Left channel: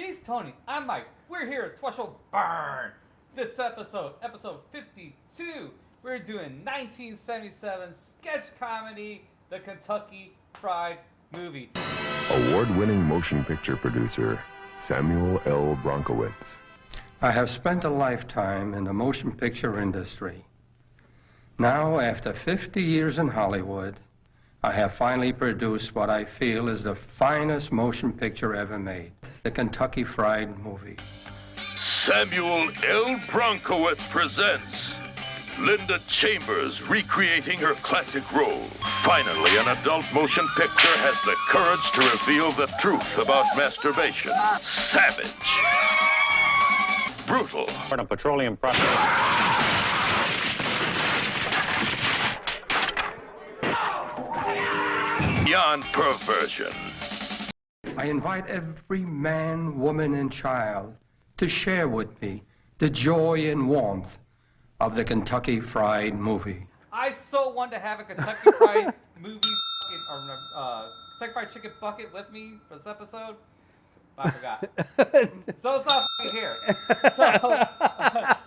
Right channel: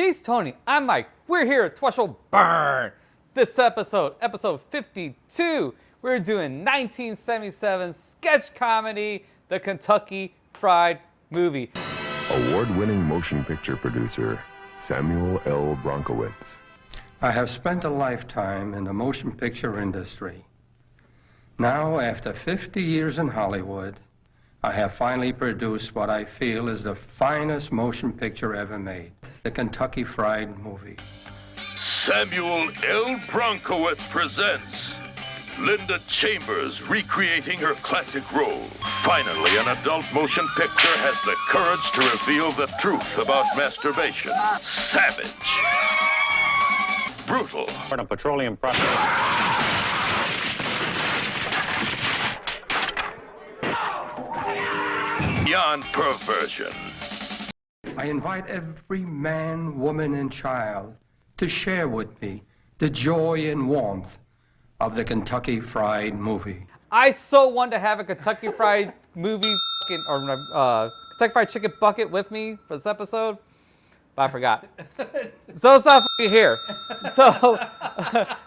He's Tony. I'm Mike. We're here at Tweshel Burn. This episode 52, we're doing 1977 sketch comedy, The Kentucky Fried Movie. Award-winning motion picture producer, Samuel L. Bronkowitz. I have spent a lifetime in the motion picture industry. Now, after 50 years in Hollywood, I have finally produced what I feel is the finest motion picture ever made, The Kentucky Fried Movie. Samuel L. Bronkowitz presents Linda Chambers recreating her classic role. Finally, an adult motion picture has the courage to reveal the truth about masturbation. Savage. Brutal. A petroleum product. Beyond perversion. I invite every man, woman, and child to share with me the joy and warmth of the Kentucky Fried Movie. I so want to have a Kentucky Fried Movie Kentucky Fried Chicken bucket with me for this episode, but I forgot. So it's not here. So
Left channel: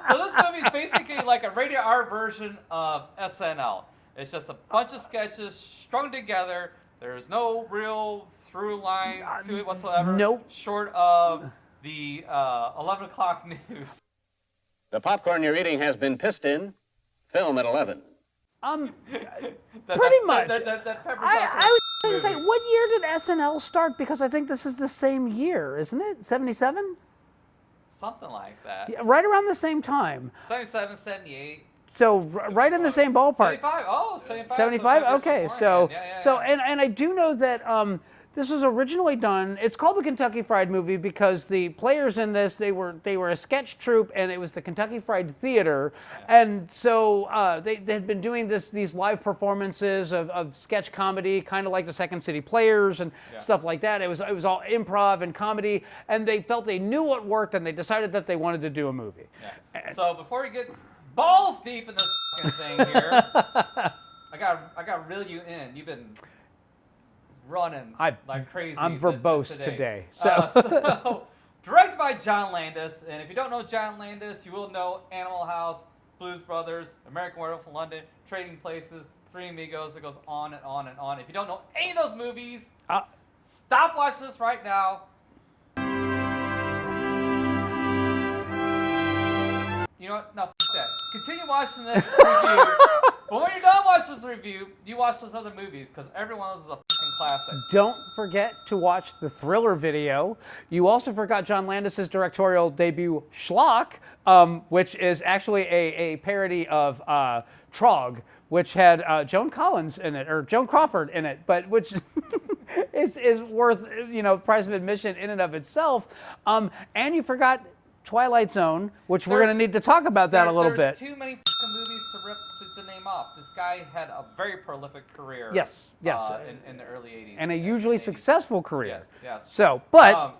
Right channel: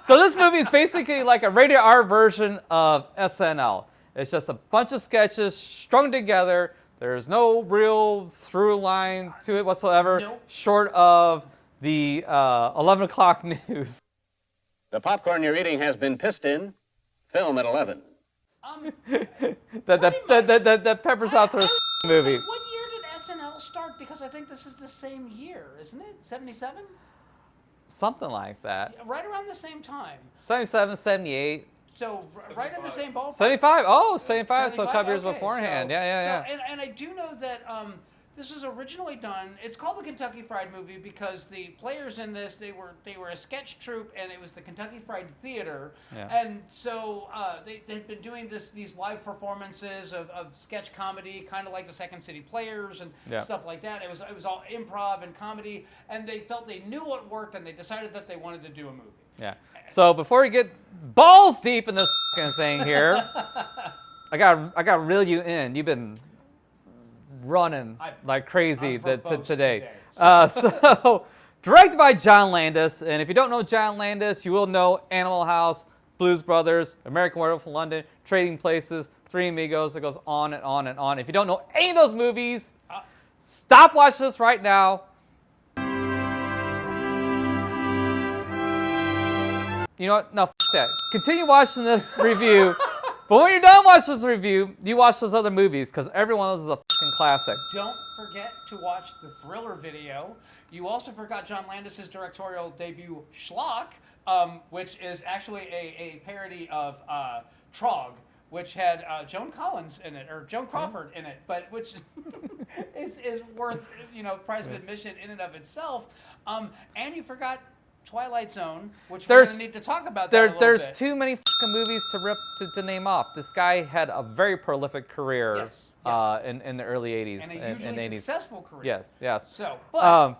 this movie is basically like a rated R version of SNL. It's just a bunch of sketches strung together. There's no real through line to it whatsoever. Nope. Short of the 11 o'clock news. The popcorn you're eating has been pissed in. Film at 11. Pretty much. That peppers out through the movie. Say, what year did SNL start? Because I think this is the same year, isn't it? 77? Something like that. Yeah, right around the same time. 77, 78. So right in the same ballpark. 75? Oh, 75. 75? So Okay. So, And I do know that this was originally done. It's called the Kentucky Fried Movie because the players in this they were a sketch troupe, and it was the Kentucky Fried Theater, and so they had been doing these live performances of sketch comedy, kind of like the Second City Players and stuff like that. It was all improv and comedy, and they felt they knew what worked, and they decided that they wanted to do a movie. Yeah. So before we get balls deep in this fucking thing here, I got reel you in. You've been running like crazy today. So directed by John Landis, and if you don't know John Landis, you will know Animal House, Blues Brothers, American Werewolf in London, Trading Places, Three Amigos. It goes on and on and on. If you don't know any of those movies, stop watching this right now. You know what? No, that. Continue watching this review. But when you're done watching this review, you watch those other movies, because every one of those is a fucking classic. Don't forget to watch the Thriller video. You also forgot John Landis' directorial debut, Schlock, which is actually a parody of Trog, which had Joan Collins in it, or Joan Crawford in it, but which is worth, price of admission in and of itself. And you forgot Twilight Zone, which we're going to need to talk about that a little bit. There's too many fucking movies to name off. This guy had a very prolific career. Yes. In the early 80s. And a hugely successful career. Yes. So, but...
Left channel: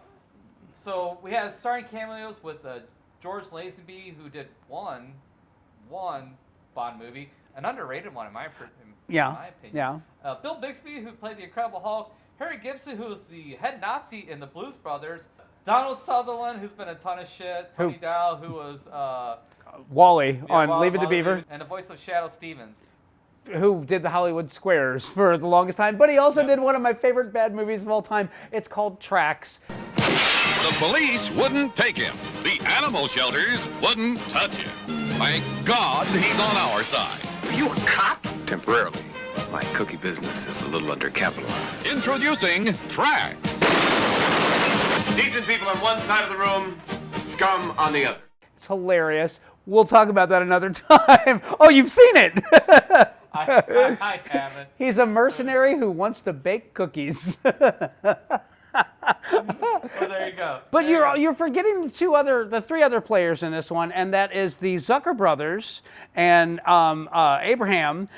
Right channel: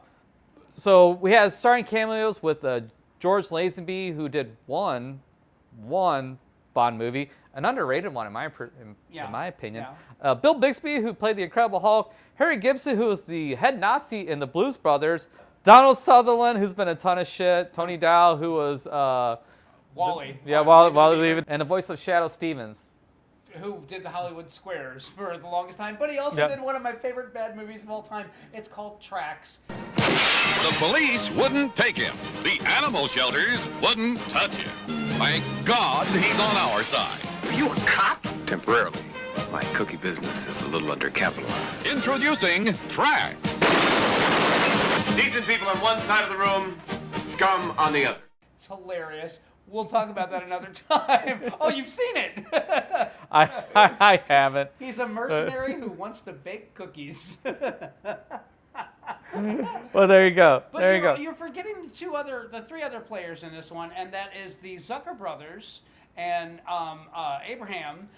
so we had starring cameos with George Lazenby, who did one Bond movie, an underrated one in my opinion. Yeah. Bill Bixby, who played the Incredible Hulk. Harry Gibson, who was the head Nazi in the Blues Brothers. Donald Sutherland, who's been a ton of shit. Tony Dow, who was Wally on Leave It to Beaver. And the voice of Shadow Stevens, who did the Hollywood Squares for the longest time. But he also did one of my favorite bad movies of all time. It's called Tracks. The police wouldn't take him. The animal shelters wouldn't touch him. Thank God he's on our side. Are you a cop? Temporarily. My cookie business is a little undercapitalized. Introducing Tracks. Decent people on one side of the room, scum on the other. It's hilarious. We'll talk about that another time. Oh, you've seen it. I haven't. He's a mercenary who wants to bake cookies. Well, there you go. But you're forgetting the three other players in this one, and that is the Zucker brothers and Abraham.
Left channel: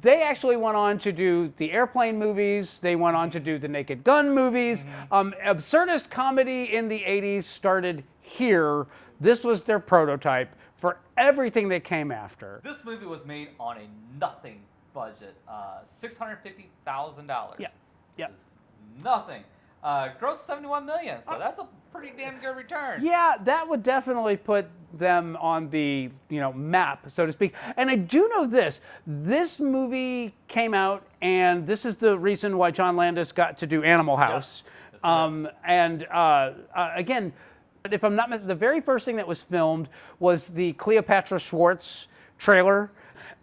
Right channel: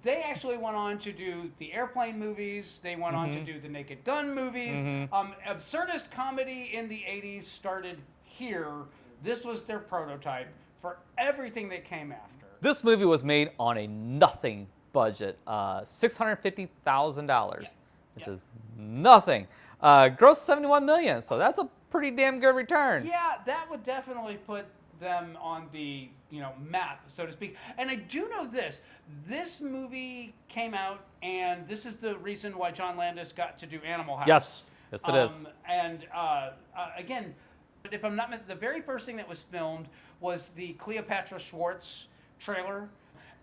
They actually went on to do the Airplane movies. They went on to do the Naked Gun movies. Absurdist comedy in the 80s started here. This was their prototype for everything that came after. This movie was made on a nothing budget, $650,000. Yeah. Which is nothing. Grossed 71 million, so that's a pretty damn good return. Yeah, that would definitely put them on the map, so to speak. And I do know this movie came out, and this is the reason why John Landis got to do Animal House. Yes it is. And again, if I'm not the very first thing that was filmed was the Cleopatra Schwartz trailer.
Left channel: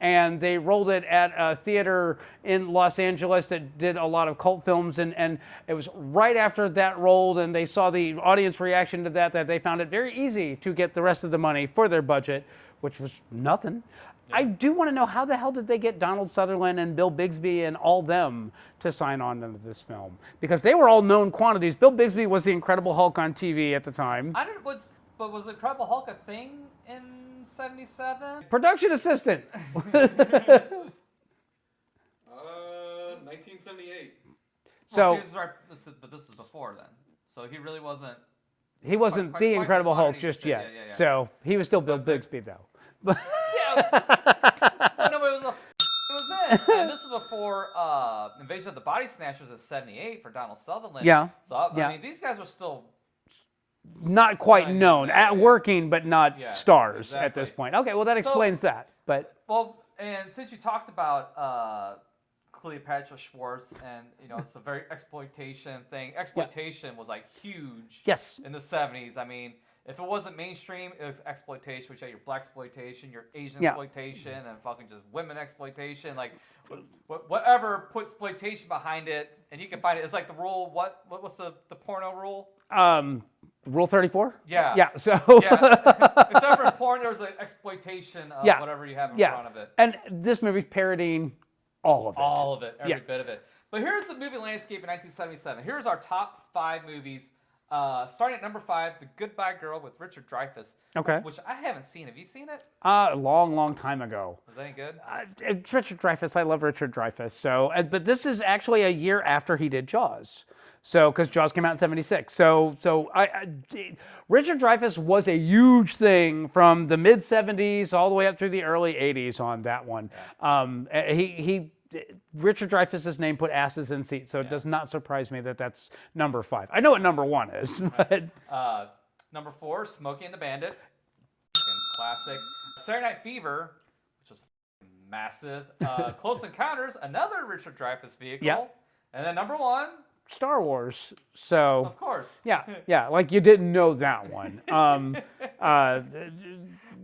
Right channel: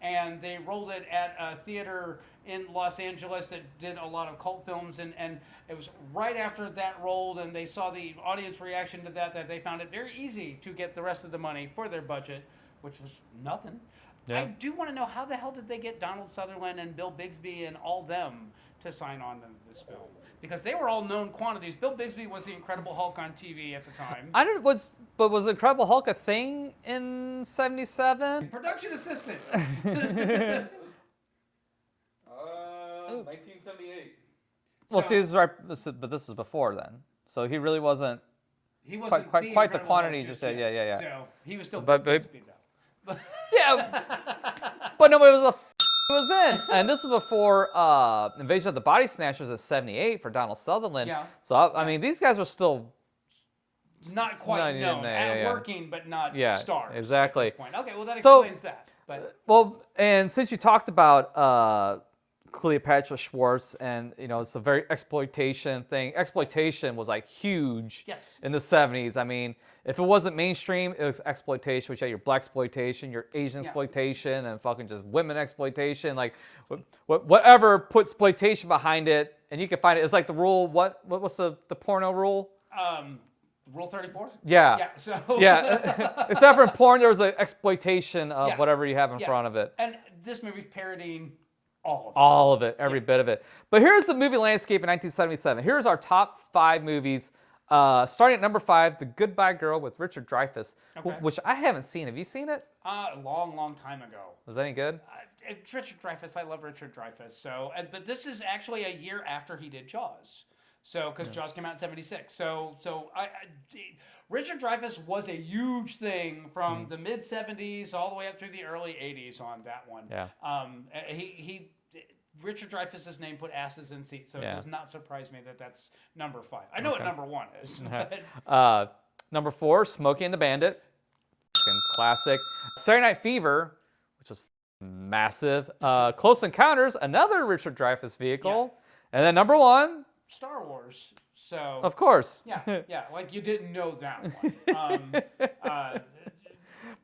And they rolled it at a theater in Los Angeles that did a lot of cult films, and it was right after that rolled, and they saw the audience reaction to that they found it very easy to get the rest of the money for their budget, which was nothing. Yeah. I do want to know, how the hell did they get Donald Sutherland and Bill Bixby and all them to sign on to this film? Because they were all known quantities. Bill Bixby was the Incredible Hulk on TV at the time. But was Incredible Hulk a thing in 77? Production assistant. 1978. Well, see, this is right, but this is before then. So he really wasn't. He wasn't the Incredible Hulk just yet. Yeah. So he was still Bill Bixby, though. Yeah. But no, it was in. And this was before Invasion of the Body Snatchers at 78 for Donald Sutherland. Yeah. So, I mean, these guys were still not quite known, working, but not stars at this point. Okay, well, that explains that. But and since you talked about Cleopatra Schwartz, and it's a very exploitation thing. Exploitation was like huge. Yes. In the 70s. I mean, if it wasn't mainstream, it was exploitation, which had your black exploitation, your Asian exploitation, and fucking just women exploitation. Like whatever put exploitation behind it, and you can find it. It's like the rule. What was the porno rule? Rule 34? Yeah. Yeah. So except for in porn, there's an exploitation of whatever you have in front of it. And this movie's parodying all of it. All of it, every bit of it. But here's the movie landscape in 1977. Here's our top 5 movies. Starting at number 5, The Goodbye Girl with Richard Dreyfuss. Okay. Which I haven't seen. Have you seen it? A long time ago. Was that any good? It's Richard Dreyfuss. I love Richard Dreyfuss. So, but this is actually a year after he did Jaws. So, because Jaws came out in 76. So Richard Dreyfuss was a huge thing from the mid 70s all the way up through the early 80s on that one. Yeah. Richard Dreyfuss's name put asses in seats, so it does not surprise me that that's number 5. I know what number 1 is. But number 4, Smokey and the Bandit. Classic. Saturday Night Fever, which was massive. Close Encounters, another Richard Dreyfuss vehicle. Yeah. And then number 1, Star Wars. So of course. Yeah, like you didn't know that one.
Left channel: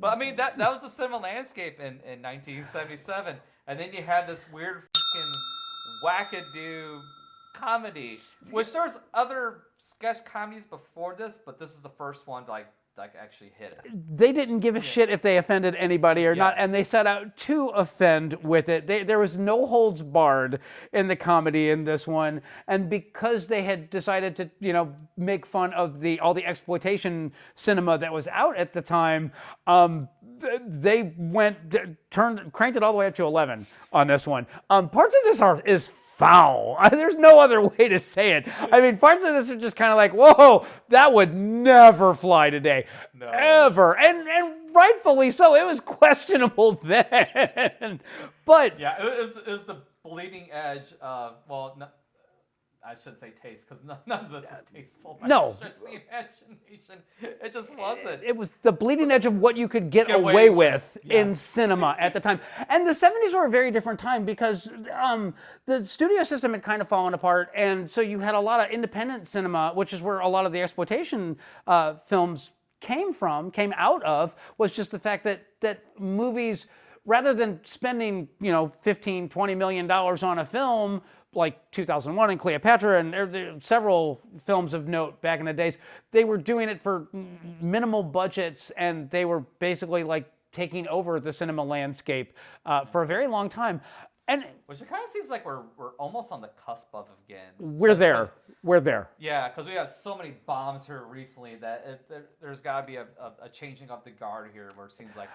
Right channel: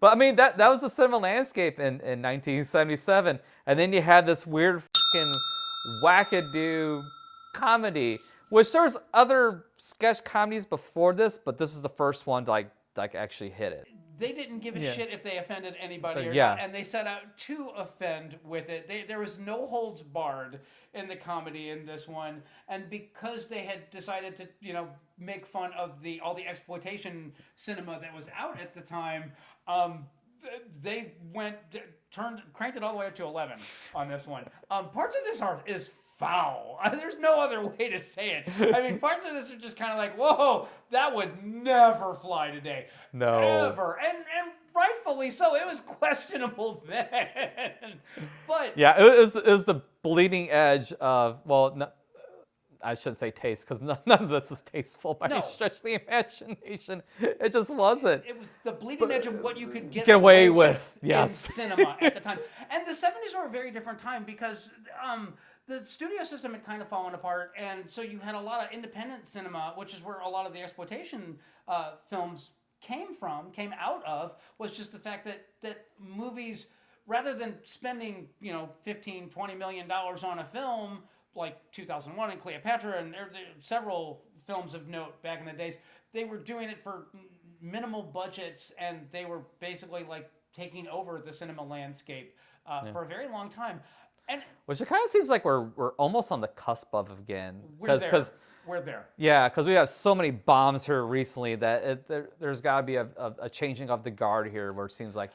But I mean, that was the cinema landscape in 1977. And then you had this weird fucking wackadoo comedy, which there's other sketch comedies before this, but this is the first one to like actually hit it. They didn't give a shit if they offended anybody or not, and they set out to offend with it. There was no holds barred in the comedy in this one, and because they had decided to, make fun of all the exploitation cinema that was out at the time, they cranked it all the way up to 11 on this one. Parts of this is foul. There's no other way to say it. I mean, parts of this are just kind of like, whoa, that would never fly today. No. Ever. And rightfully so. It was questionable then. But yeah, it was the bleeding edge of, I shouldn't say taste, because none of this is tasteful by any stretch of the imagination. It just wasn't. It was the bleeding edge of what you could get away with in cinema at the time. And the 70s were a very different time because the studio system had kind of fallen apart, and so you had a lot of independent cinema, which is where a lot of the exploitation films came out of, was just the fact that movies, rather than spending, $15, $20 million on a film, like 2001 and Cleopatra, and there are several films of note back in the days, they were doing it for minimal budgets, and they were basically like taking over the cinema landscape for a very long time. And which it kind of seems like we're almost on the cusp of again. We're there. We're there. Yeah, because we have so many bombs here recently that there's got to be a changing of the guard here, where it seems like,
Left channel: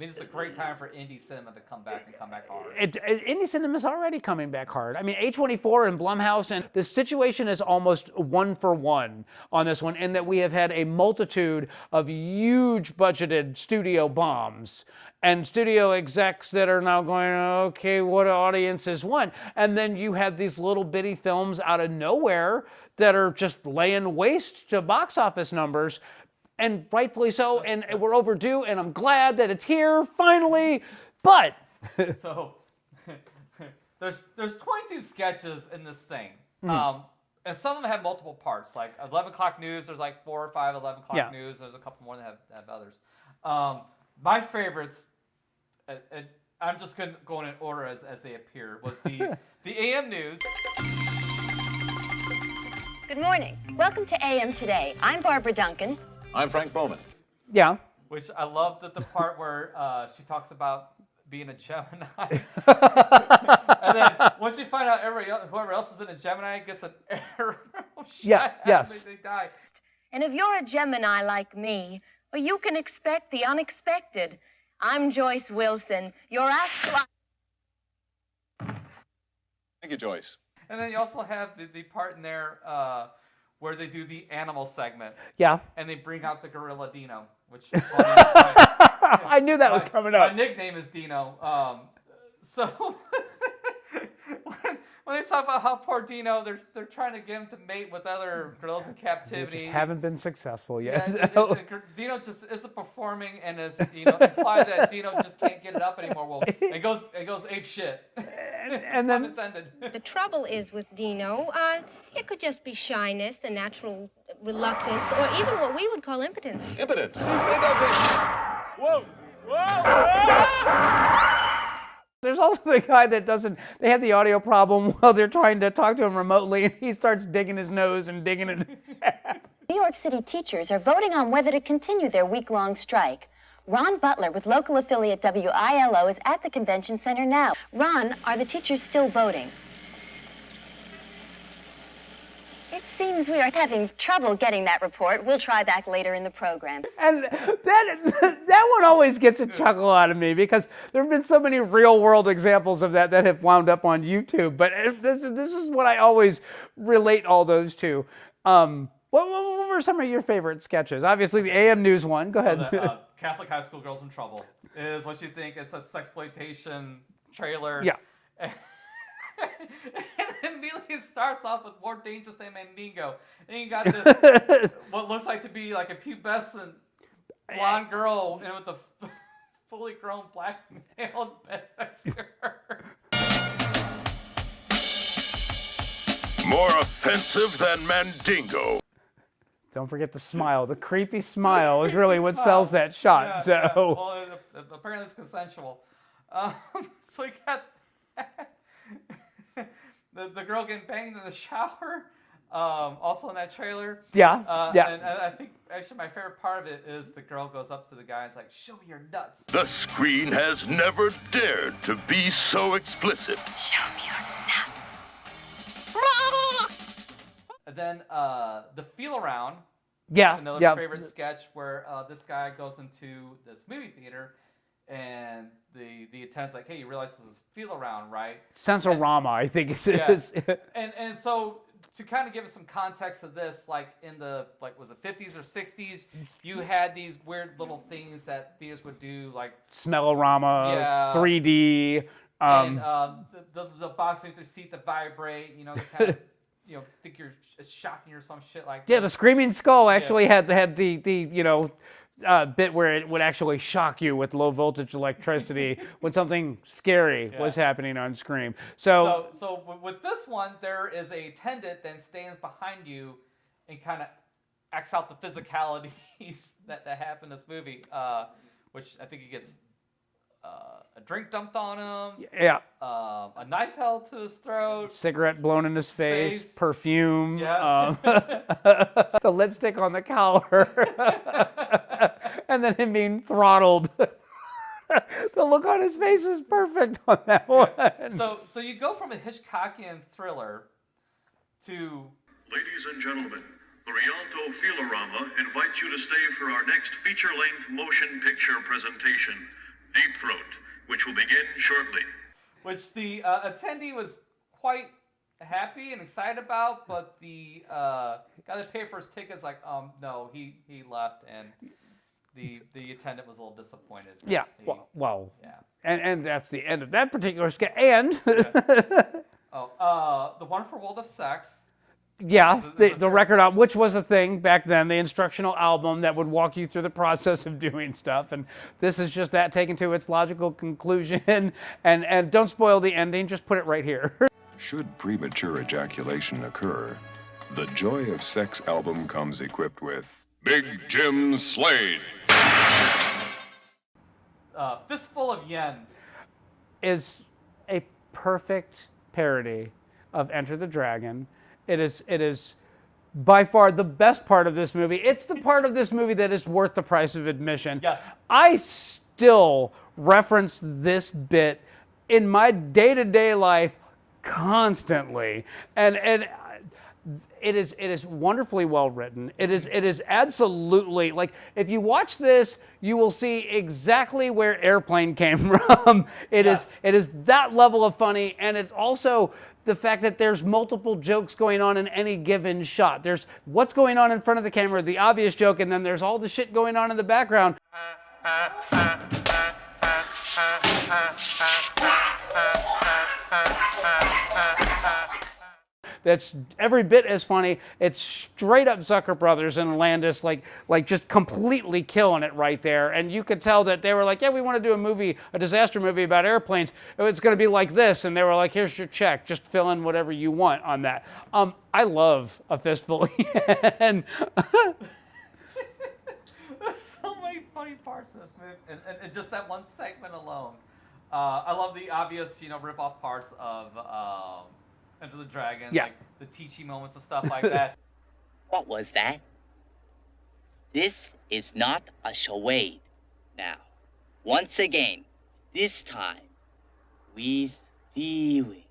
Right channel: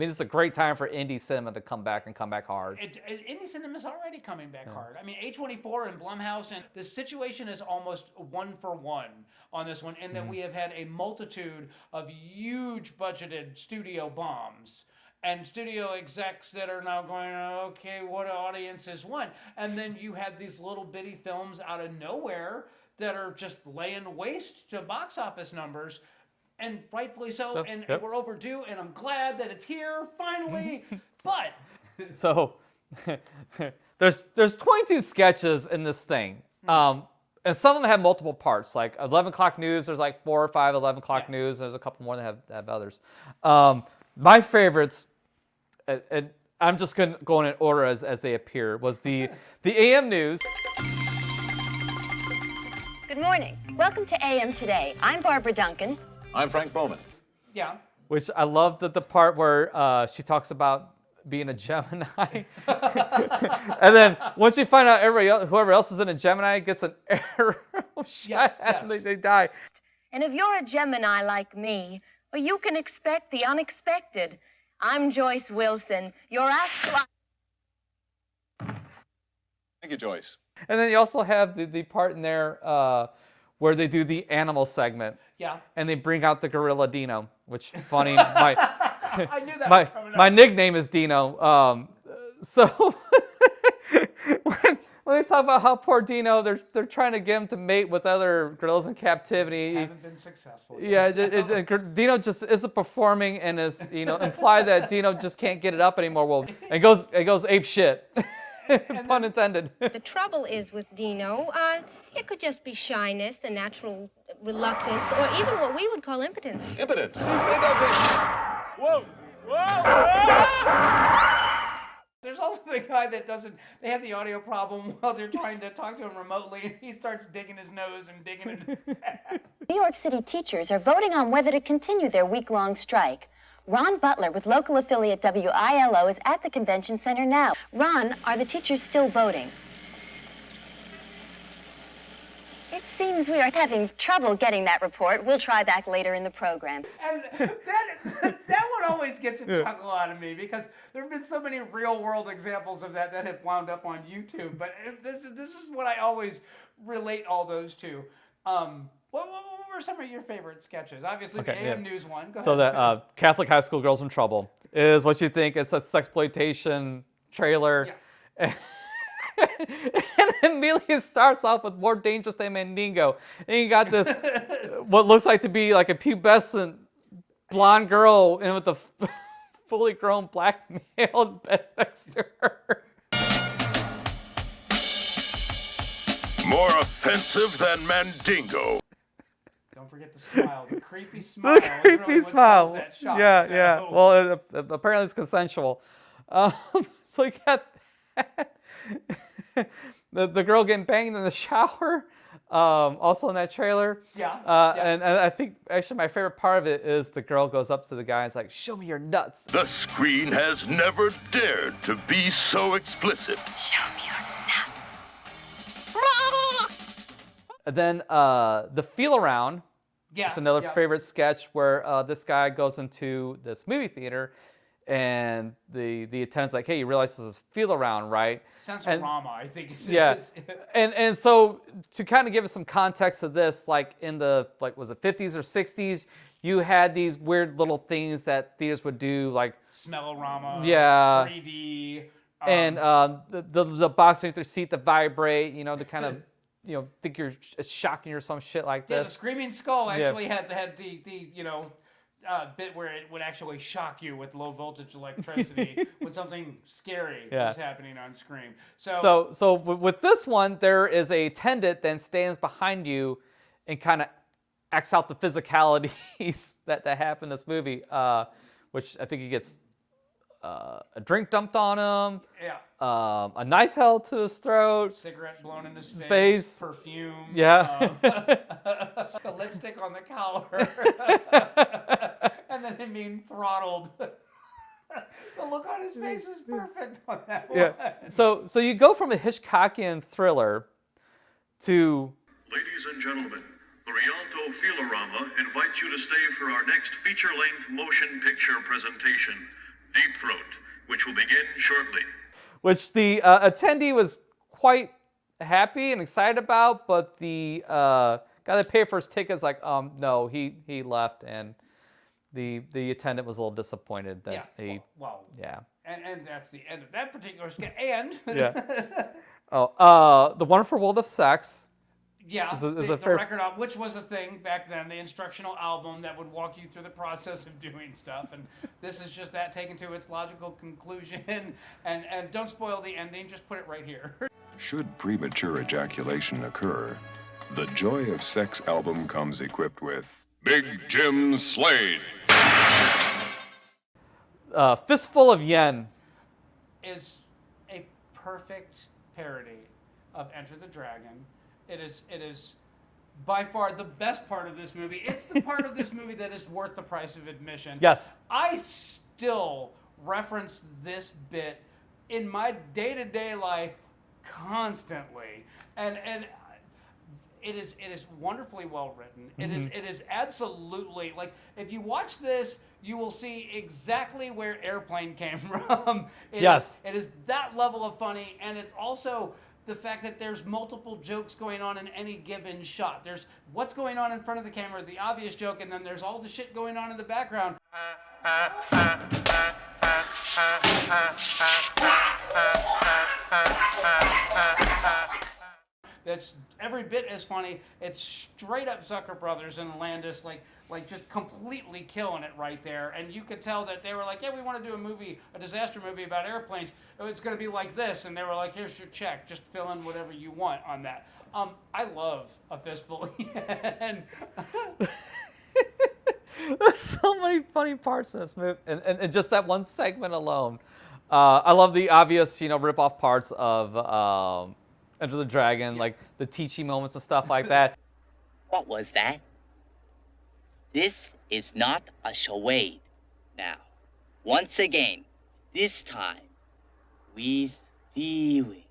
it's a great time for indie cinema to come back hard. Indie cinema is already coming back hard. I mean, A24 and Blumhouse, and the situation is almost 1-for-1 on this one, in that we have had a multitude of huge budgeted studio bombs and studio execs that are now going, okay, what audiences want? And then you have these little bitty films out of nowhere that are just laying waste to box office numbers, and rightfully so. And we're overdue, and I'm glad that it's here finally. But so there's 22 sketches in this thing. And some of them have multiple parts, like 11 o'clock news. There's like 4 or 5 11 o'clock news. There's a couple more that have others. My favorites, and I'm just going in order as they appear, was the AM news. Good morning. Welcome to AM Today. I'm Barbara Duncan. I'm Frank Bowman. Yeah. Which I love the part where she talks about being a Gemini. And then once you find out whoever else is in a Gemini gets an arrow shot, they die. And if you're a Gemini like me, well, you can expect the unexpected. I'm Joyce Wilson. You're asked to... Thank you, Joyce. And then you also have the part in there where they do the animal segment. Yeah. And they bring out the gorilla Dino, which is funny. I knew that was coming up. My nickname is Dino. So when they talk about how poor Dino, they're trying to get him to mate with other gorillas in captivity. They just haven't been successful yet. Yeah, Dino just isn't performing and is imply that Dino just can't get it up anymore. Well, it goes ape shit. And pun intended. The trouble is with Dino, it could just be shyness, a natural reluctance, or even what we would call impotence. Impotent. Big ugly. Whoa. There's also the guy that they have the audio problem while they're trying to talk to him remotely, and he starts digging his nose and digging it. New York City teachers are voting on whether to continue their week-long strike. Ron Butler with local affiliate WILO is at the convention center now. Ron, are the teachers still voting? It seems we are having trouble getting that report. We'll try back later in the program. And that one always gets a chuckle out of me because there have been so many real-world examples of that have wound up on YouTube. But this is what I always relate all those to. What were some of your favorite sketches? Obviously, the AM News one. Go ahead. So the Catholic High School Girls in Trouble is what you think. It's a sexploitation trailer. Yeah. And immediately starts off with More Dangerous Than Mandingo. And you got this, what looks like to be like a pubescent blonde girl and with a fully grown black male bed next to her. More offensive than Mandingo. Don't forget the smile. The creepy smile is really what sells that shot. Yeah. Well, apparently it's consensual. So you got the girl getting banged in the shower, also in that trailer. Yeah. And I think actually my favorite part of it is the girl goes up to the guy and is like, "Show me your nuts." The screen has never dared to be so explicit. Show me your nuts. And then the Feel Around. Yeah. It's another favorite sketch where this guy goes into this movie theater and the attendant's like, "Hey, you realize this is Feel Around, right?" Sensorama, I think it is. And so to kind of give us some context to this, like in the was it 50s or 60s, you had these weird little things that theaters would do, like Smellorama, 3D, and the box underneath their seat that vibrate, to kind of think you're shocking or some shit like that. Yeah, the Screaming Skull actually had the bit where it would actually shock you with low voltage electricity when something scary was happening on screen. So with this one, there is a attendant that stands behind you and kind of acts out the physicalities that happen in this movie, which I think he gets a drink dumped on him. Yeah. A knife held to his throat. Cigarette blown in his face. Perfume. Yeah. The lipstick on the collar. And then him being throttled. The look on his face is perfect on that one. So you go from a Hitchcockian thriller to... Ladies and gentlemen, the Rialto Feelorama invites you to stay for our next feature-length motion picture presentation, Deep Throat, which will begin shortly. Which the attendee was quite happy and excited about, but the guy that paid for his tickets like, no, he left, and the attendant was a little disappointed. That And that's the end of that particular sketch. And The Wonderful World of Sex. Yeah, the record album, which was a thing back then, the instructional album that would walk you through the process of doing stuff. And this is just that taken to its logical conclusion. And don't spoil the ending, just put it right here. Should premature ejaculation occur, the Joy of Sex album comes equipped with Big Jim Slade. Fistful of Yen is a perfect parody of Enter the Dragon. It is by far the best part of this movie. It's the part of this movie that is worth the price of admission. Yes. I still reference this bit in my day-to-day life constantly. And it is wonderfully well written. It is absolutely, like, if you watch this, you will see exactly where Airplane came from. It is that level of funny, and it's also the fact that there's multiple jokes going on in any given shot. There's what's going on in front of the camera, the obvious joke, and then there's all the shit going on in the background. That's every bit as funny. It's straight up Zucker Brothers and Landis, like just completely killing it right there. And you could tell that they were like, yeah, we want to do a movie, a disaster movie about airplanes. It's going to be like this. And they were like, here's your check. Just fill in whatever you want on that. I love A Fistful. And there's so many funny parts in this movie. And just that one segment alone. I love the obvious, rip-off parts of Enter the Dragon, like the teaching moments and stuff like that. What was that? This is not a charade. Now, once again, this time, with feeling.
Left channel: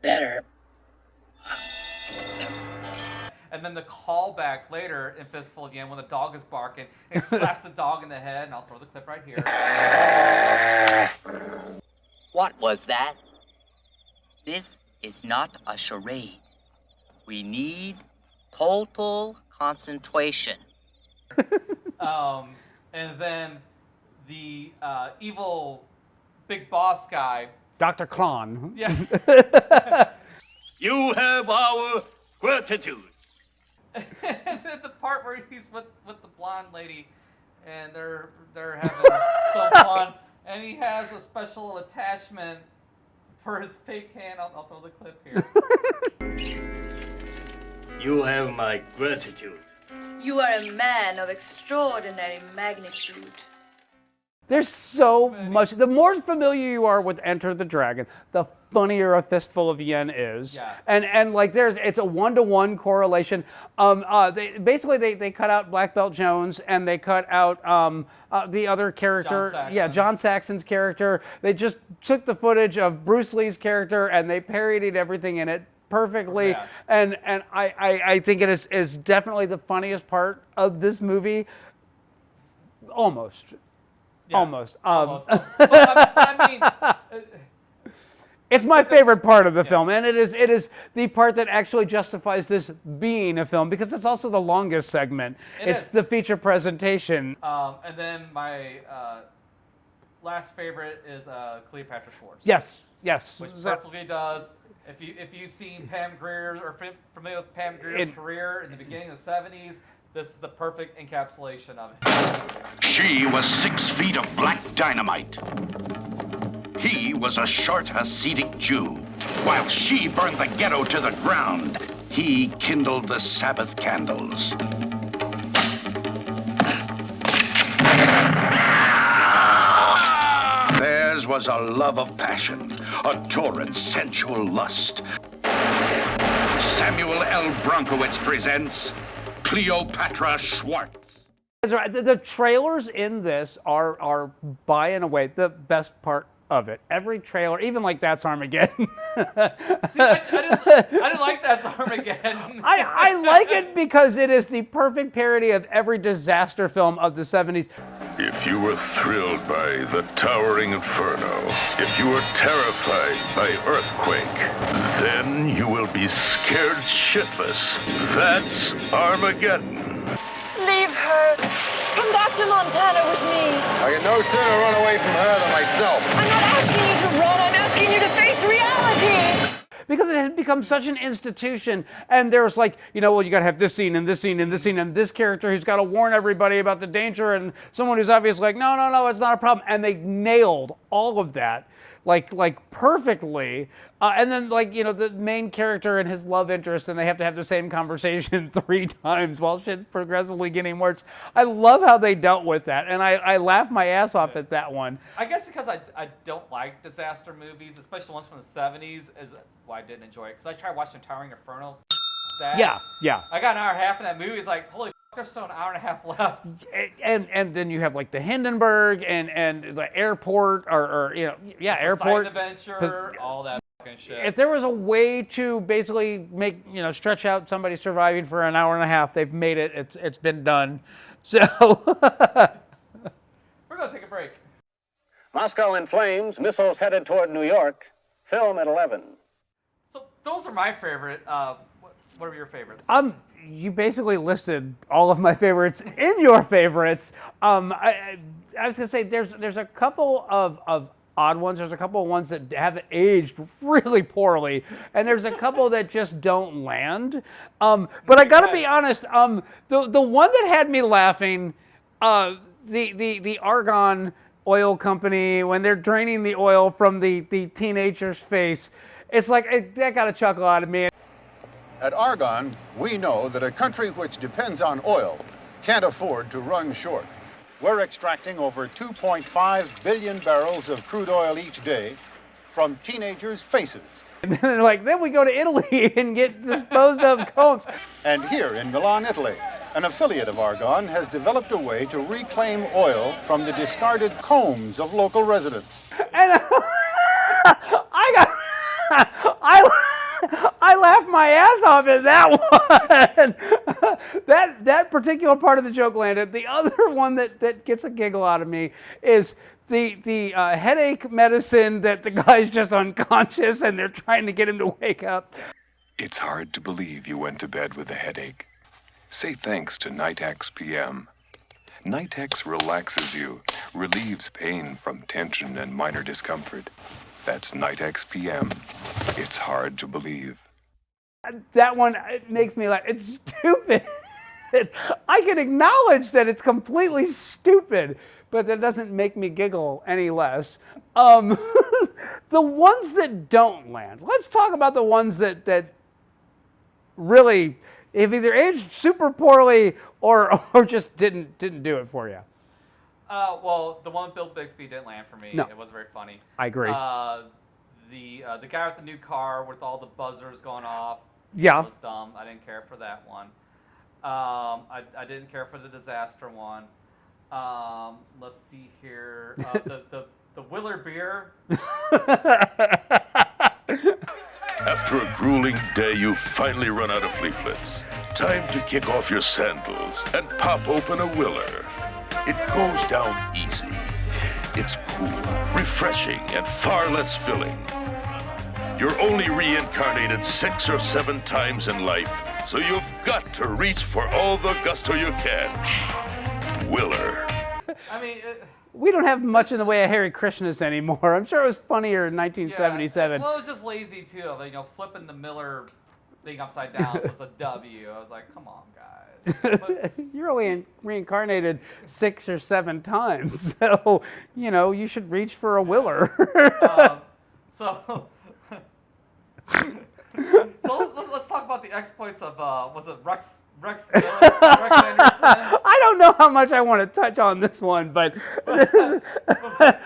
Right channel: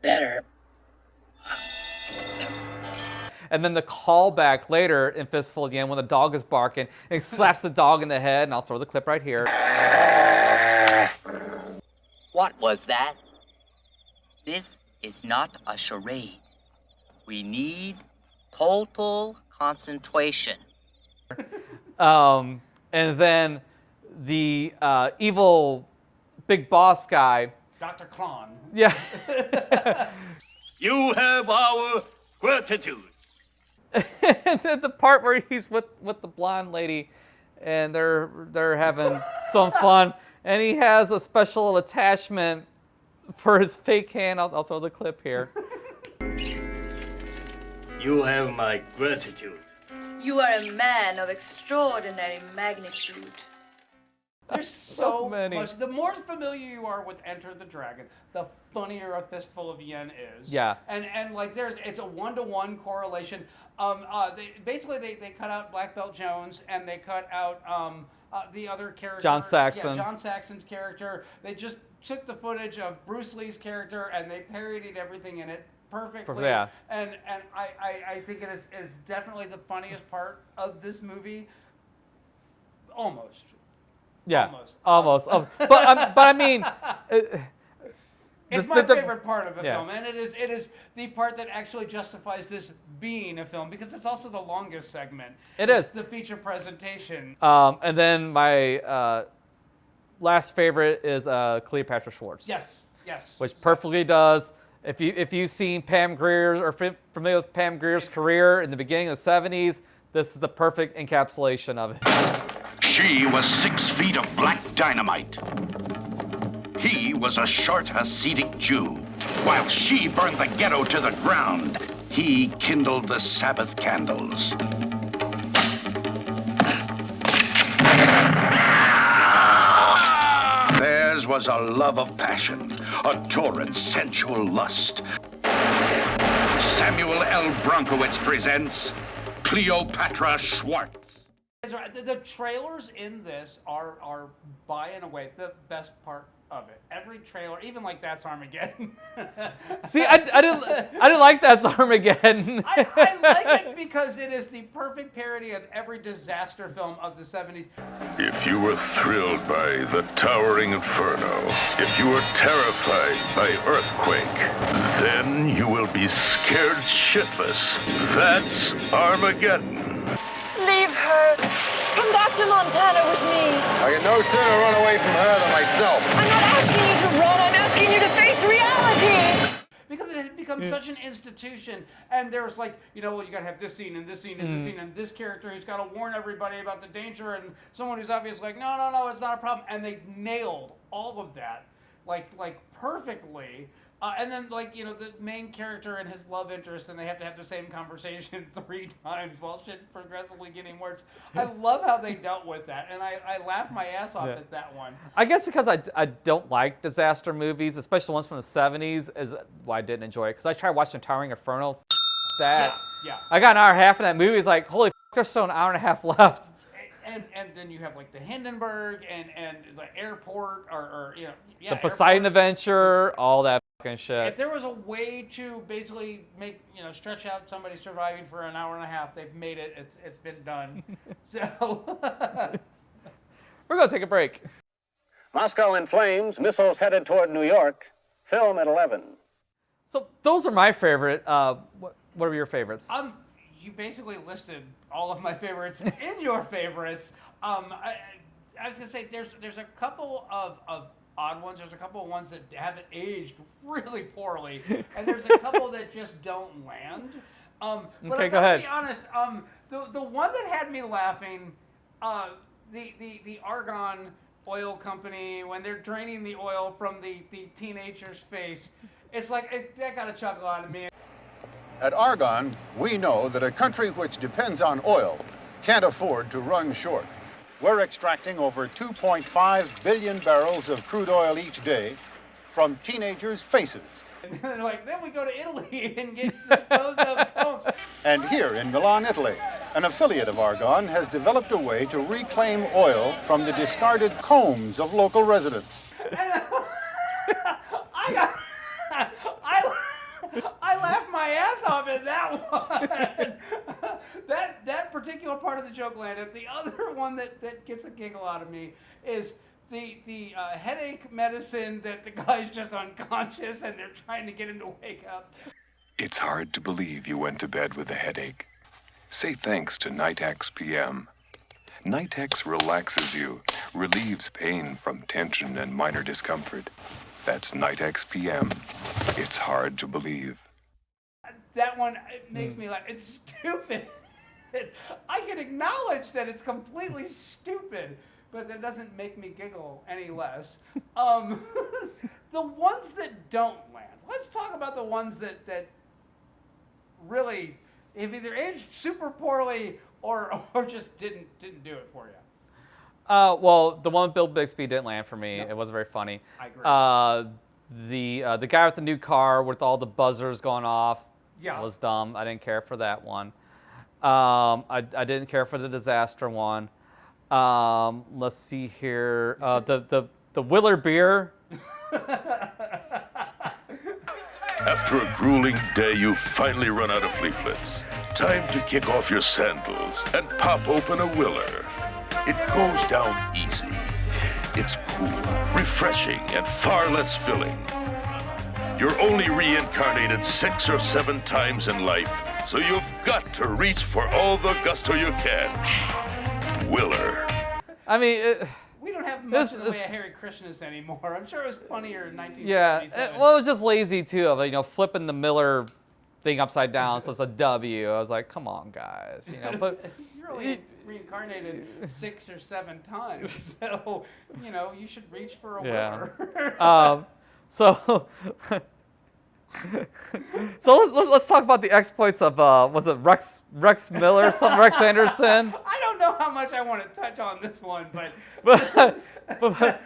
Better. And then the callback later in Fistful again when the dog is barking and slaps the dog in the head, and I'll throw the clip right here. What was that? This is not a charade. We need total concentration. And then the evil big boss guy, Dr. Klon. Yeah. You have our gratitude. And then the part where he's with the blonde lady, and they're having some fun. And he has a special attachment for his fake hand. I'll throw the clip here. You have my gratitude. You are a man of extraordinary magnitude. There's so much. The more familiar you are with Enter the Dragon, the funnier A Fistful of Yen is. Yeah. And it's a 1-to-1 correlation. They cut out Black Belt Jones and they cut out the other character. John Saxon. Yeah, John Saxon's character. They just took the footage of Bruce Lee's character and they parodied everything in it perfectly. Yeah. And I think it is definitely the funniest part of this movie. Almost. Yeah, Almost. But I mean, it's my favorite part of the film, and it is the part that actually justifies this being a film because it's also the longest segment. It's the feature presentation. And then my last favorite is Cleopatra Schwartz. Yes. Which perfectly does. If you've seen Pam Grier's or familiar with Pam Grier's career in the beginning of the 70s, this is the perfect encapsulation of it. She was 6 feet of black dynamite. He was a short Hasidic Jew. While she burned the ghetto to the ground, he kindled the Sabbath candles. Theirs was a love of passion, a torrid, sensual lust. Samuel L. Bronkowitz presents Cleopatra Schwartz. The trailers in this are by and away the best part of it. Every trailer, even like That's Armageddon. See, I didn't like That's Armageddon. I like it because it is the perfect parody of every disaster film of the 70s. If you were thrilled by the towering inferno, if you were terrified by earthquake, then you will be scared shitless. That's Armageddon. Leave her. Come back to Montana with me. I can no sooner run away from her than myself. I'm not asking you to run. I'm asking you to face reality. because it had become such an institution. And there was like, well, you got to have this scene and this scene and this scene and this character who's got to warn everybody about the danger, and someone who's obviously like, no, it's not a problem. And they nailed all of that like perfectly. And then the main character and his love interest, and they have to have the same conversation 3 times while shit's progressively getting worse. I love how they dealt with that, and I laughed my ass off at that one. I guess because I don't like disaster movies, especially the ones from the 70s, is why I didn't enjoy it. Because I tried watching Towering Inferno. Yeah. I got an hour and a half in that movie. It's like, holy f***, there's still an hour and a half left. And then you have like the Hindenburg and the airport or the airport Poseidon Adventure, all that fucking shit. If there was a way to basically make stretch out somebody surviving for an hour and a half, they've made it. It's been done. So we're gonna take a break. Moscow in flames. Missiles headed toward New York. Film at 11. So those are my favorite. What are your favorites? You basically listed all of my favorites in your favorites. I was gonna say there's a couple of odd ones. There's a couple of ones that haven't aged really poorly, and there's a couple that just don't land. But I gotta be honest. The one that had me laughing, the Argonne Oil Company, when they're draining the oil from the teenager's face, it's like that got a chuckle out of me. At Argonne, we know that a country which depends on oil can't afford to run short. We're extracting over 2.5 billion barrels of crude oil each day from teenagers' faces. And then we go to Italy and get disposed of combs. And here in Milan, Italy, an affiliate of Argonne has developed a way to reclaim oil from the discarded combs of local residents. And I laughed my ass off at that one. that particular part of the joke landed. The other one that gets a giggle out of me is the headache medicine that the guy's just unconscious and they're trying to get him to wake up. It's hard to believe you went to bed with a headache. Say thanks to Nitex PM. Nitex relaxes you, relieves pain from tension and minor discomfort. That's Nitex PM. It's hard to believe. That one, it makes me laugh. It's stupid. I can acknowledge that it's completely stupid, but that doesn't make me giggle any less. The ones that don't land. Let's talk about the ones that really have either aged super poorly or just didn't do it for you. Well, the one with Bill Bixby didn't land for me. No. It wasn't very funny. I agree. The guy with the new car with all the buzzers going off. Yeah. Was dumb. I didn't care for that one. I didn't care for the disaster one. Let's see here. The Willer beer. After a grueling day, you finally run out of leaflets. Time to kick off your sandals and pop open a Willer. It goes down easy. It's cool, refreshing, and far less filling. You're only reincarnated 6 or 7 times in life, so you've got to reach for all the gusto you can. Willer. I mean, we don't have much in the way of Hare Krishnas anymore. I'm sure it was funnier in 1977. Well, it was just lazy too, of flipping the Miller thing upside down, so it's a W. I was like, come on, guys. You're only reincarnated 6 or 7 times, so you should reach for a Willer. So let's talk about the exploits of was it Rex Miller, Rex Anderson? I don't know how much I want to touch on this one, but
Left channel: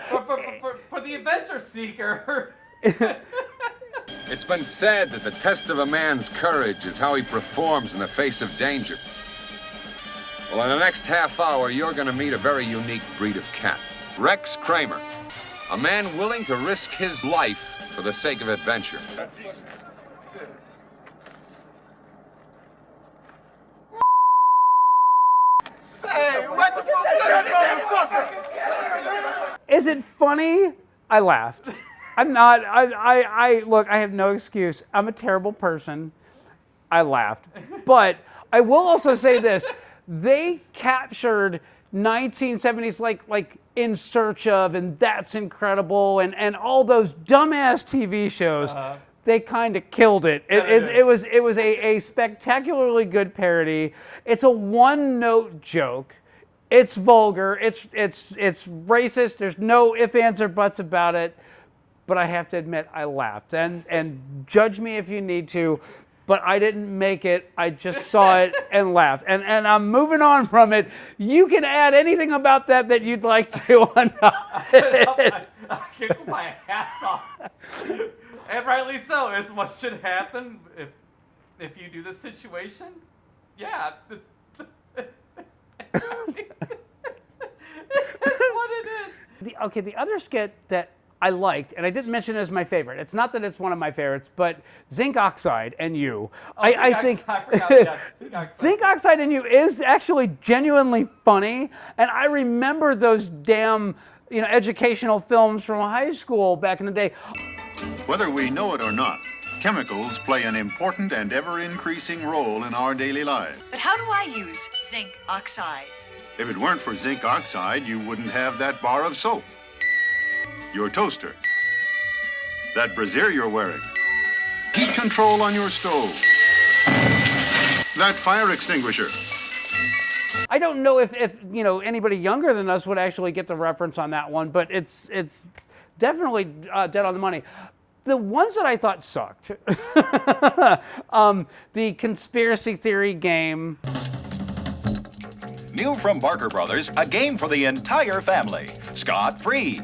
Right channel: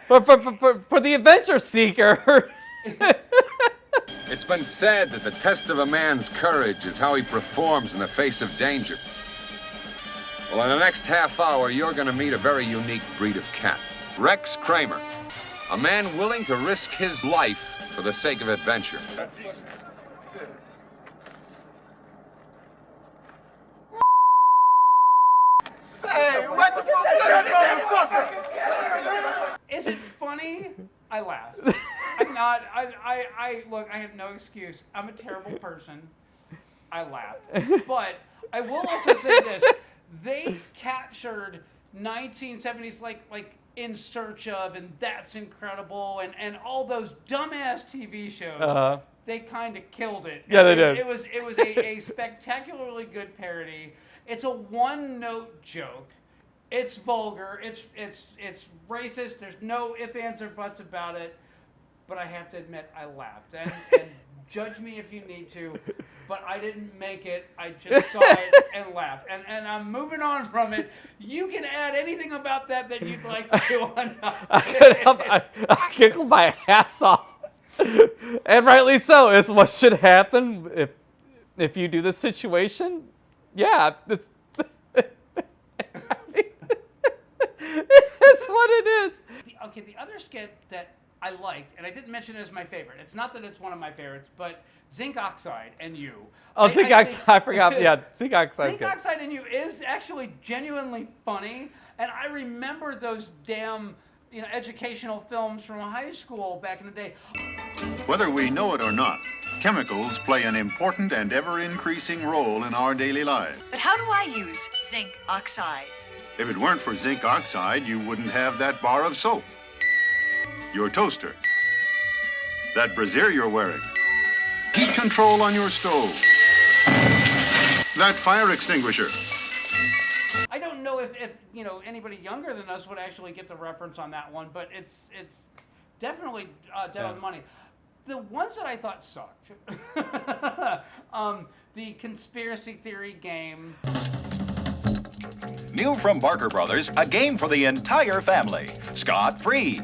for the adventure seeker. It's been said that the test of a man's courage is how he performs in the face of danger. Well, in the next half hour, you're going to meet a very unique breed of cat. Rex Kramer, a man willing to risk his life for the sake of adventure. Hey, what the fuck? Is it funny? I laughed. I'm not. Look, I have no excuse. I'm a terrible person. I laughed. But I will also say this. They captured 1970s like In Search of and That's Incredible and all those dumbass TV shows they kind of killed it. Yeah, they did. It was a spectacularly good parody. It's a one-note joke. It's vulgar. It's racist. There's no ifs, ands, or buts about it. But I have to admit, I laughed. And judge me if you need to, but I didn't make it. I just saw it and laughed. And I'm moving on from it. You can add anything about that you'd like to. I giggled my ass off. And rightly so. It's what should happen if you do this situation. Yeah, it's what it is. The other skit that I liked, and I didn't mention it as my favorite. It's not that it's one of my favorites, but Zinc Oxide and You. I forgot. Yeah, Zinc Oxide. Zinc Oxide and You is actually genuinely funny, and I remember those damn educational films from high school back in the day. Whether we know it or not, chemicals play an important and ever-increasing role in our daily lives. But how do I use zinc oxide? If it weren't for zinc oxide, you wouldn't have that bar of soap, your toaster, that brassiere you're wearing, heat control on your stove, that fire extinguisher. I don't know if anybody younger than us would actually get the reference on that one, but it's definitely dead on the money. The ones that I thought sucked, the conspiracy theory game. New from Barker Brothers, a game for the entire family, scot-free.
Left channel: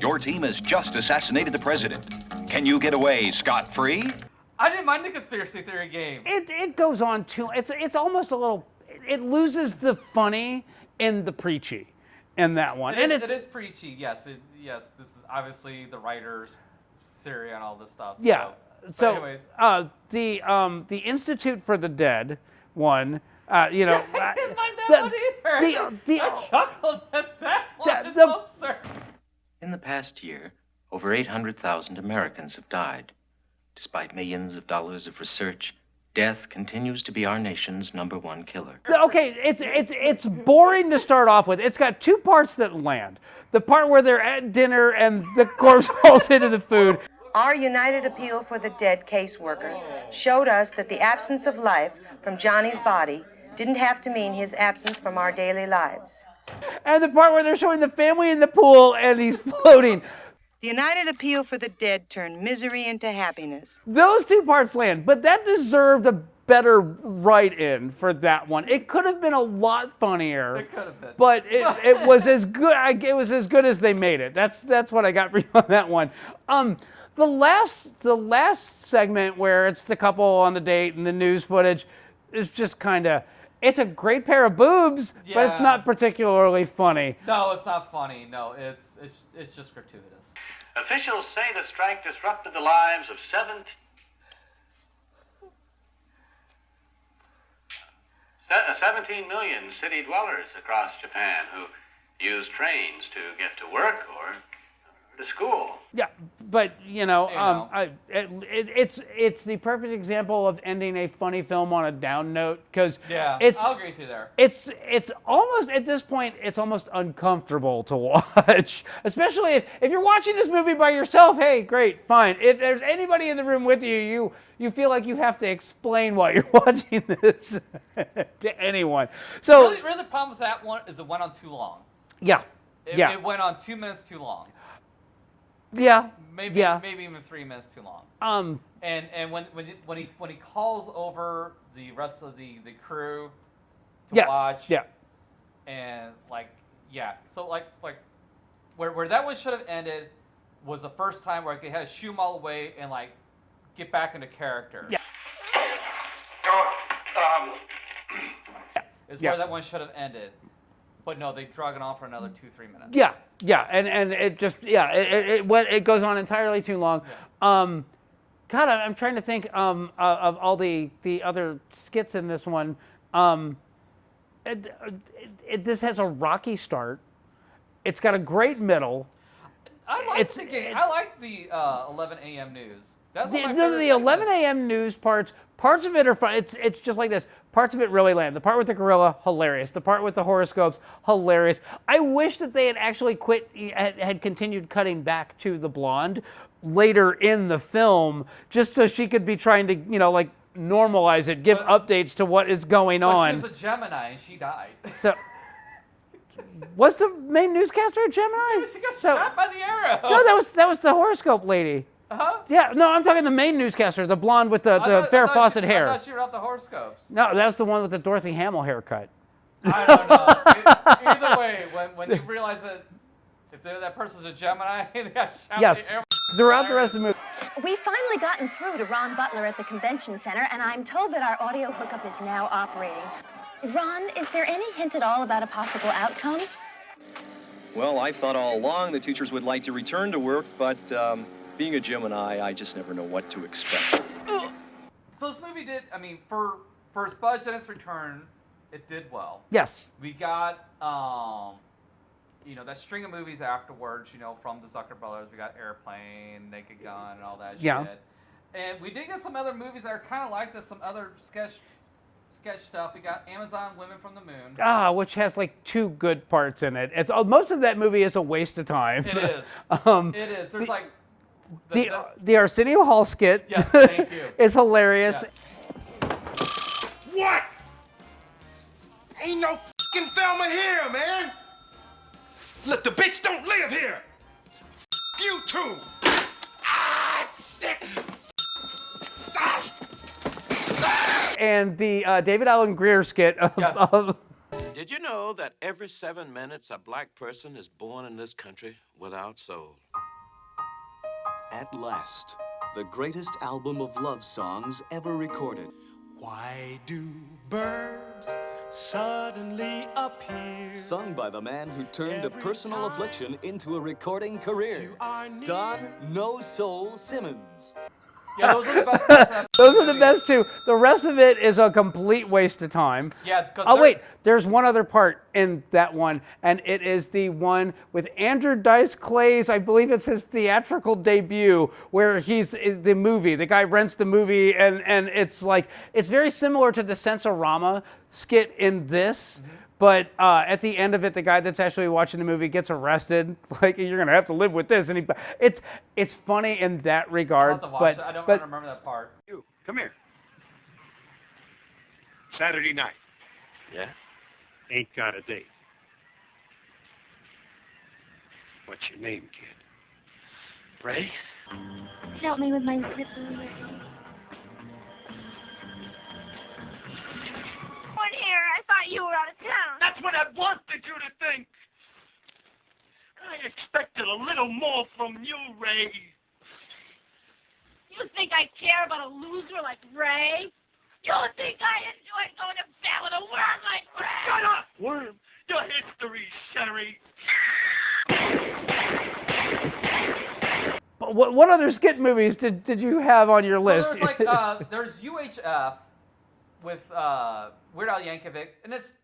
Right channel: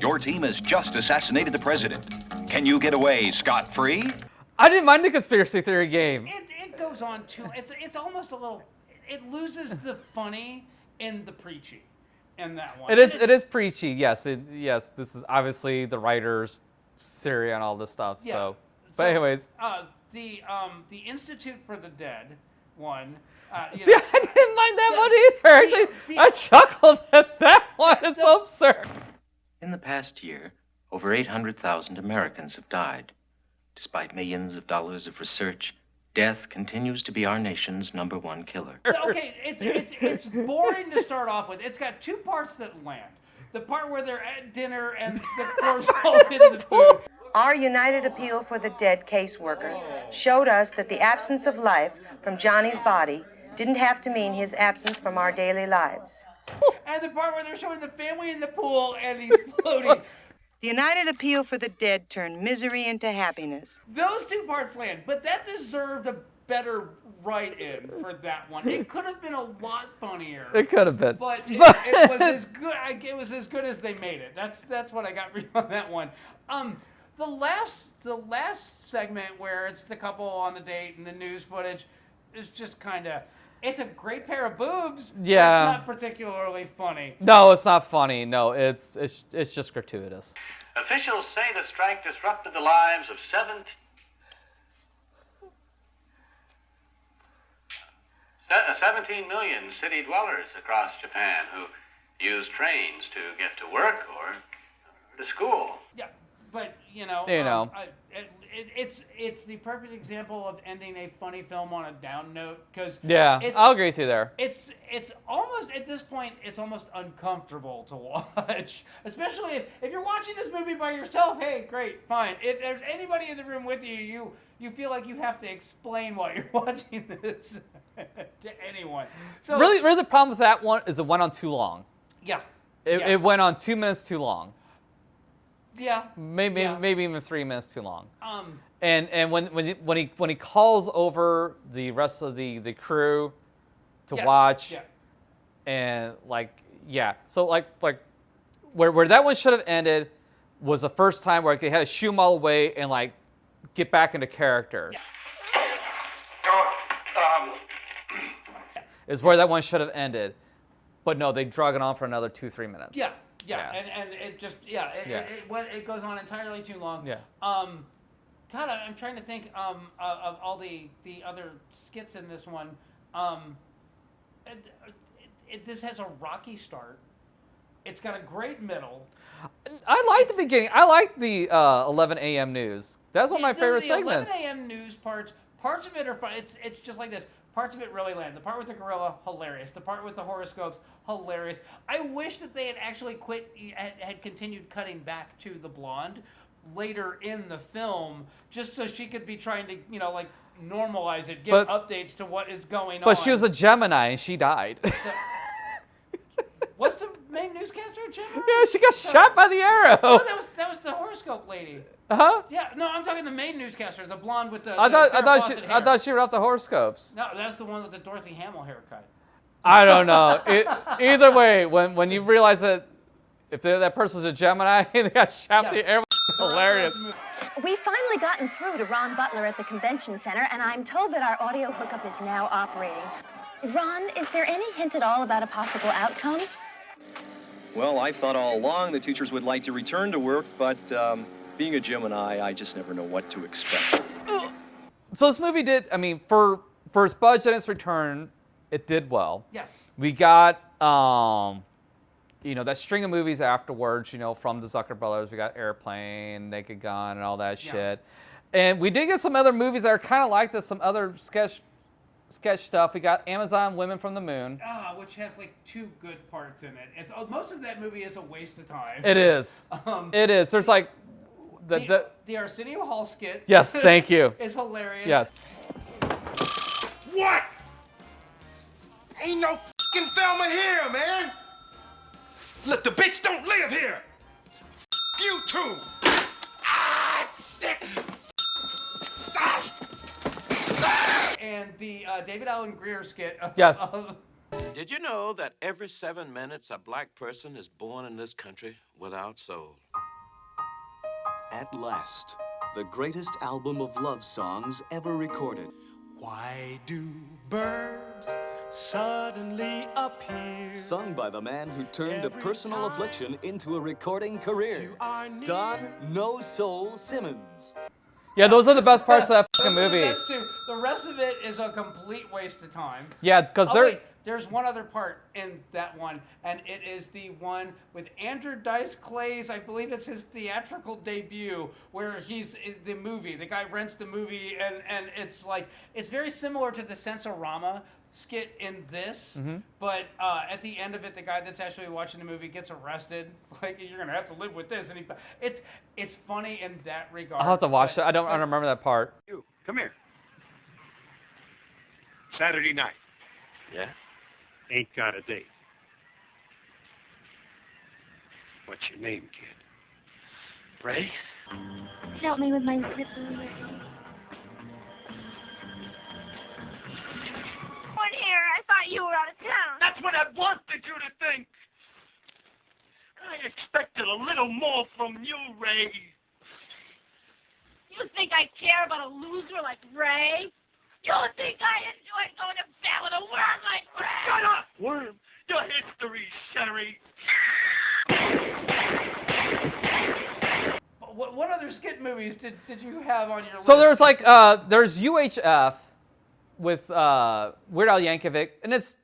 Your team has just assassinated the president. Can you get away scot-free? I didn't mind the conspiracy theory game. It goes on too. It's almost a little. It loses the funny and the preachy in that one. It is preachy. Yes. Yes. This is obviously the writers' Syria and all this stuff. Yeah. But anyways, the Institute for the Dead one. I didn't mind that one either. I chuckled at that one. It's so absurd. In the past year, over 800,000 Americans have died. Despite millions of dollars of research, death continues to be our nation's #1 killer. Okay, it's boring to start off with. It's got two parts that land. The part where they're at dinner and the corpse falls into the food. Our United Appeal for the Dead caseworker showed us that the absence of life from Johnny's body didn't have to mean his absence from our daily lives. And the part where they're showing the family in the pool and he's floating. The United Appeal for the Dead turned misery into happiness. Those two parts land, but that deserved a better write-in for that one. It could have been a lot funnier. It could have been, but it was as good. It was as good as they made it. That's what I got for you on that one. The last segment where it's the couple on the date and the news footage is just kind of. It's a great pair of boobs, but it's not particularly funny. No, it's not funny. No, it's just gratuitous. Officials say the strike disrupted the lives of 17 million city dwellers across Japan who use trains to get to work or to school. Yeah, but it's the perfect example of ending a funny film on a down note because I'll agree with you there. It's almost at this point it's almost uncomfortable to watch, especially if you're watching this movie by yourself. Hey, great, fine. If there's anybody in the room with you, you feel like you have to explain why you're watching this to anyone. So really the problem with that one is it went on too long. Yeah, it went on 2 minutes too long. Yeah, maybe even 3 minutes too long. And when he calls over the rest of the crew to watch, and so where that one should have ended was the first time where they had to shoo him all away and get back into character. Yeah. Is where that one should have ended, but no, they drug it on for another 2-3 minutes. Yeah, and it just it goes on entirely too long. Yeah. God, I'm trying to think of all the other skits in this one. This has a rocky start. It's got a great middle. I like the beginning. I like the 11 a.m. news. That's one of my favorite segments. The 11 a.m. news parts of it are fun. It's just like this. Parts of it really land. The part with the gorilla, hilarious. The part with the horoscopes, hilarious. I wish that they had actually had continued cutting back to the blonde, later in the film, just so she could be trying to, like normalize it, give updates to what is going on. But she was a Gemini and she died. So, was the main newscaster a Gemini? Yeah, she got shot by the arrow. No, that was the horoscope lady. Uh-huh. Yeah, no, I'm talking the main newscaster, the blonde with the Farrah Fawcett hair. I thought she wrote the horoscopes. No, that was the one with the Dorothy Hamill haircut. I don't know. Either way, when you realize that if that person's a Gemini and they got shot by the arrow, throughout the rest of the movie. We've finally gotten through to Ron Butler at the convention center, and I'm told that our audio hookup is now operating. Ron, is there any hint at all about a possible outcome? Well, I thought all along the teachers would like to return to work, but being a Gemini, I just never know what to expect. So this movie did, for its budget and its return, it did well. Yes. We got, that string of movies afterwards, from the Zucker brothers. We got Airplane, Naked Gun, and all that shit. And we did get some other movies that are kind of like this, some other sketch stuff. We got Amazon Women from the Moon. Which has like 2 good parts in it. Most of that movie is a waste of time. It is. It is. There's like... The Arsenio Hall skit. Yes, thank you. Is hilarious. Yes. What? Ain't no fucking Thelma here, man. Look, the bitch don't live here. F you too. Ah, shit. And the David Allen Greer skit. Did you know that every 7 minutes a black person is born in this country without soul? At last, the greatest album of love songs ever recorded. Why do birds suddenly appear? Sung by the man who turned a personal affliction into a recording career, Don No Soul Simmons. Yeah, those are the best parts of that Those movie. are the best too. The rest of it is a complete waste of time. Yeah, because there's one other part in that one, and it is the one with Andrew Dice Clay's, I believe it's his theatrical debut, where is the movie. The guy rents the movie, and it's like, it's very similar to the Sensorama skit in this, but at the end of it, the guy that's actually watching the movie gets arrested. Like, you're gonna have to live with this, and it's funny in that regard. I'll have to watch it. I don't remember that part. You, come here. Saturday night. Yeah? Ain't got a date. What's your name, kid? Ray? Help me with my zipper. Here, I thought you were out of town. That's what I wanted you to think. I expected a little more from you, Ray. You think I care about a loser like Ray? You think I enjoy going to bed with a worm like Ray? Shut up, worm. Your history's Sherry. What other skit movies did you have on your list? So there's like, there's UHF with Weird Al Yankovic, and it's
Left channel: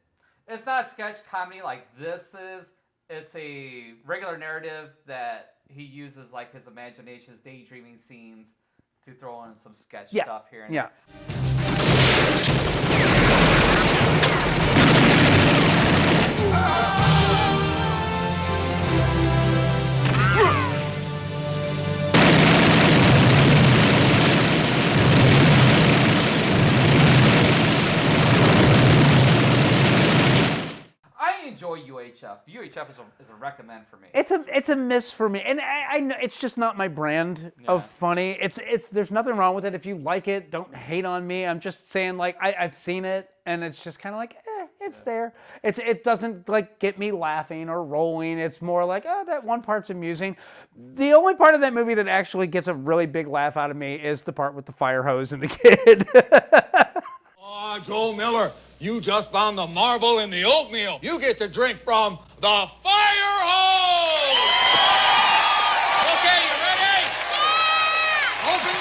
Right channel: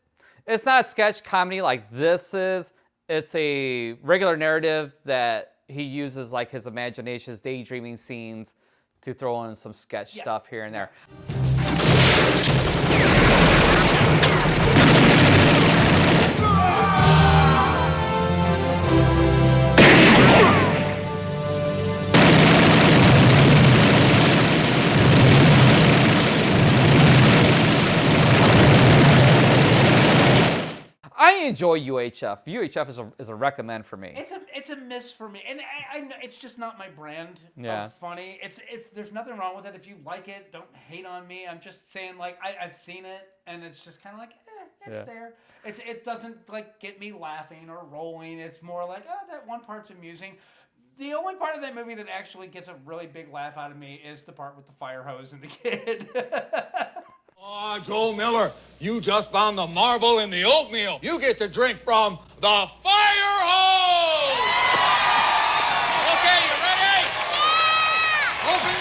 not a sketch comedy like this is. It's a regular narrative that he uses like his imagination, his daydreaming scenes to throw in some sketch stuff here and there. I enjoy UHF. UHF is a recommend for me. It's a miss for me, and I know it's just not my brand of funny. It's there's nothing wrong with it. If you like it, don't hate on me. I'm just saying, like, I've seen it, and it's just kind of like, it's there. It doesn't like get me laughing or rolling. It's more like, that one part's amusing. The only part of that movie that actually gets a really big laugh out of me is the part with the fire hose and the kid. Oh, Joe Miller, you just found the marble in the oatmeal. You get to drink from the fire hose! Okay, you ready? Open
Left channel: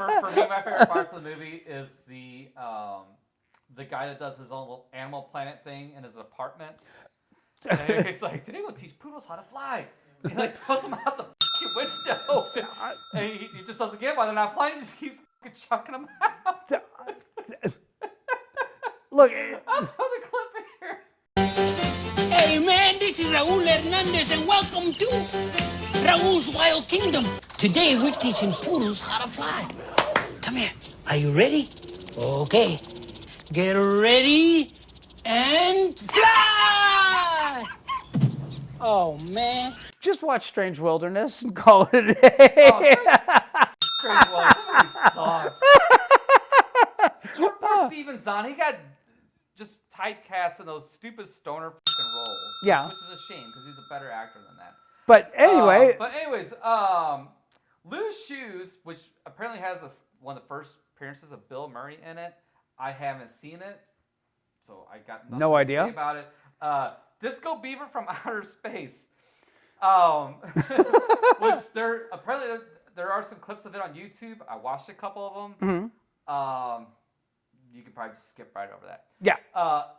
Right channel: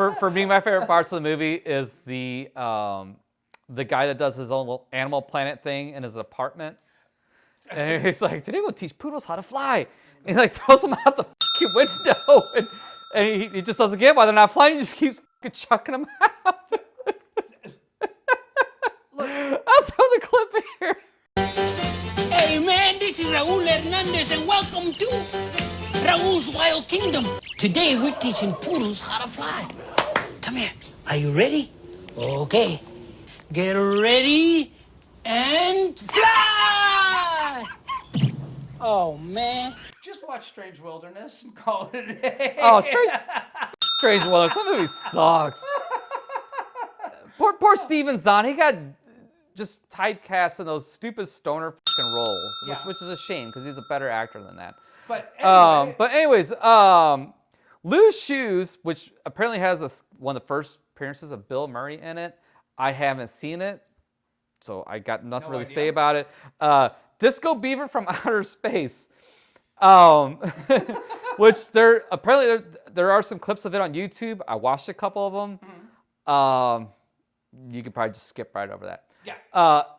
wide! For me, my favorite parts of the movie is the guy that does his own little Animal Planet thing in his apartment. And he's like, today we'll teach poodles how to fly. And he like throws them out the window. And he just doesn't get why they're not flying. He just keeps chucking them out. Look, I'll throw the clip in here. Hey man, this is Raul Hernandez, and welcome to Raul's Wild Kingdom. Today, we're teaching poodles how to fly. Come here. Are you ready? Okay. Get ready and fly! Oh, man. Just watch Strange Wilderness and call it a day. Oh, Strange Wilderness. That movie sucks. Poor Steven Zahn. He got just typecast in those stupid stoner fucking roles. Yeah. Which is a shame because he's a better actor than that. But anyway. Loose Shoes, which apparently has one of the first appearances of Bill Murray in it. I haven't seen it, so I got nothing to say about it. Disco Beaver from Outer Space. Which there are some clips of it on YouTube. I watched a couple of them. Mm-hmm. You could probably just skip right over that. Yeah.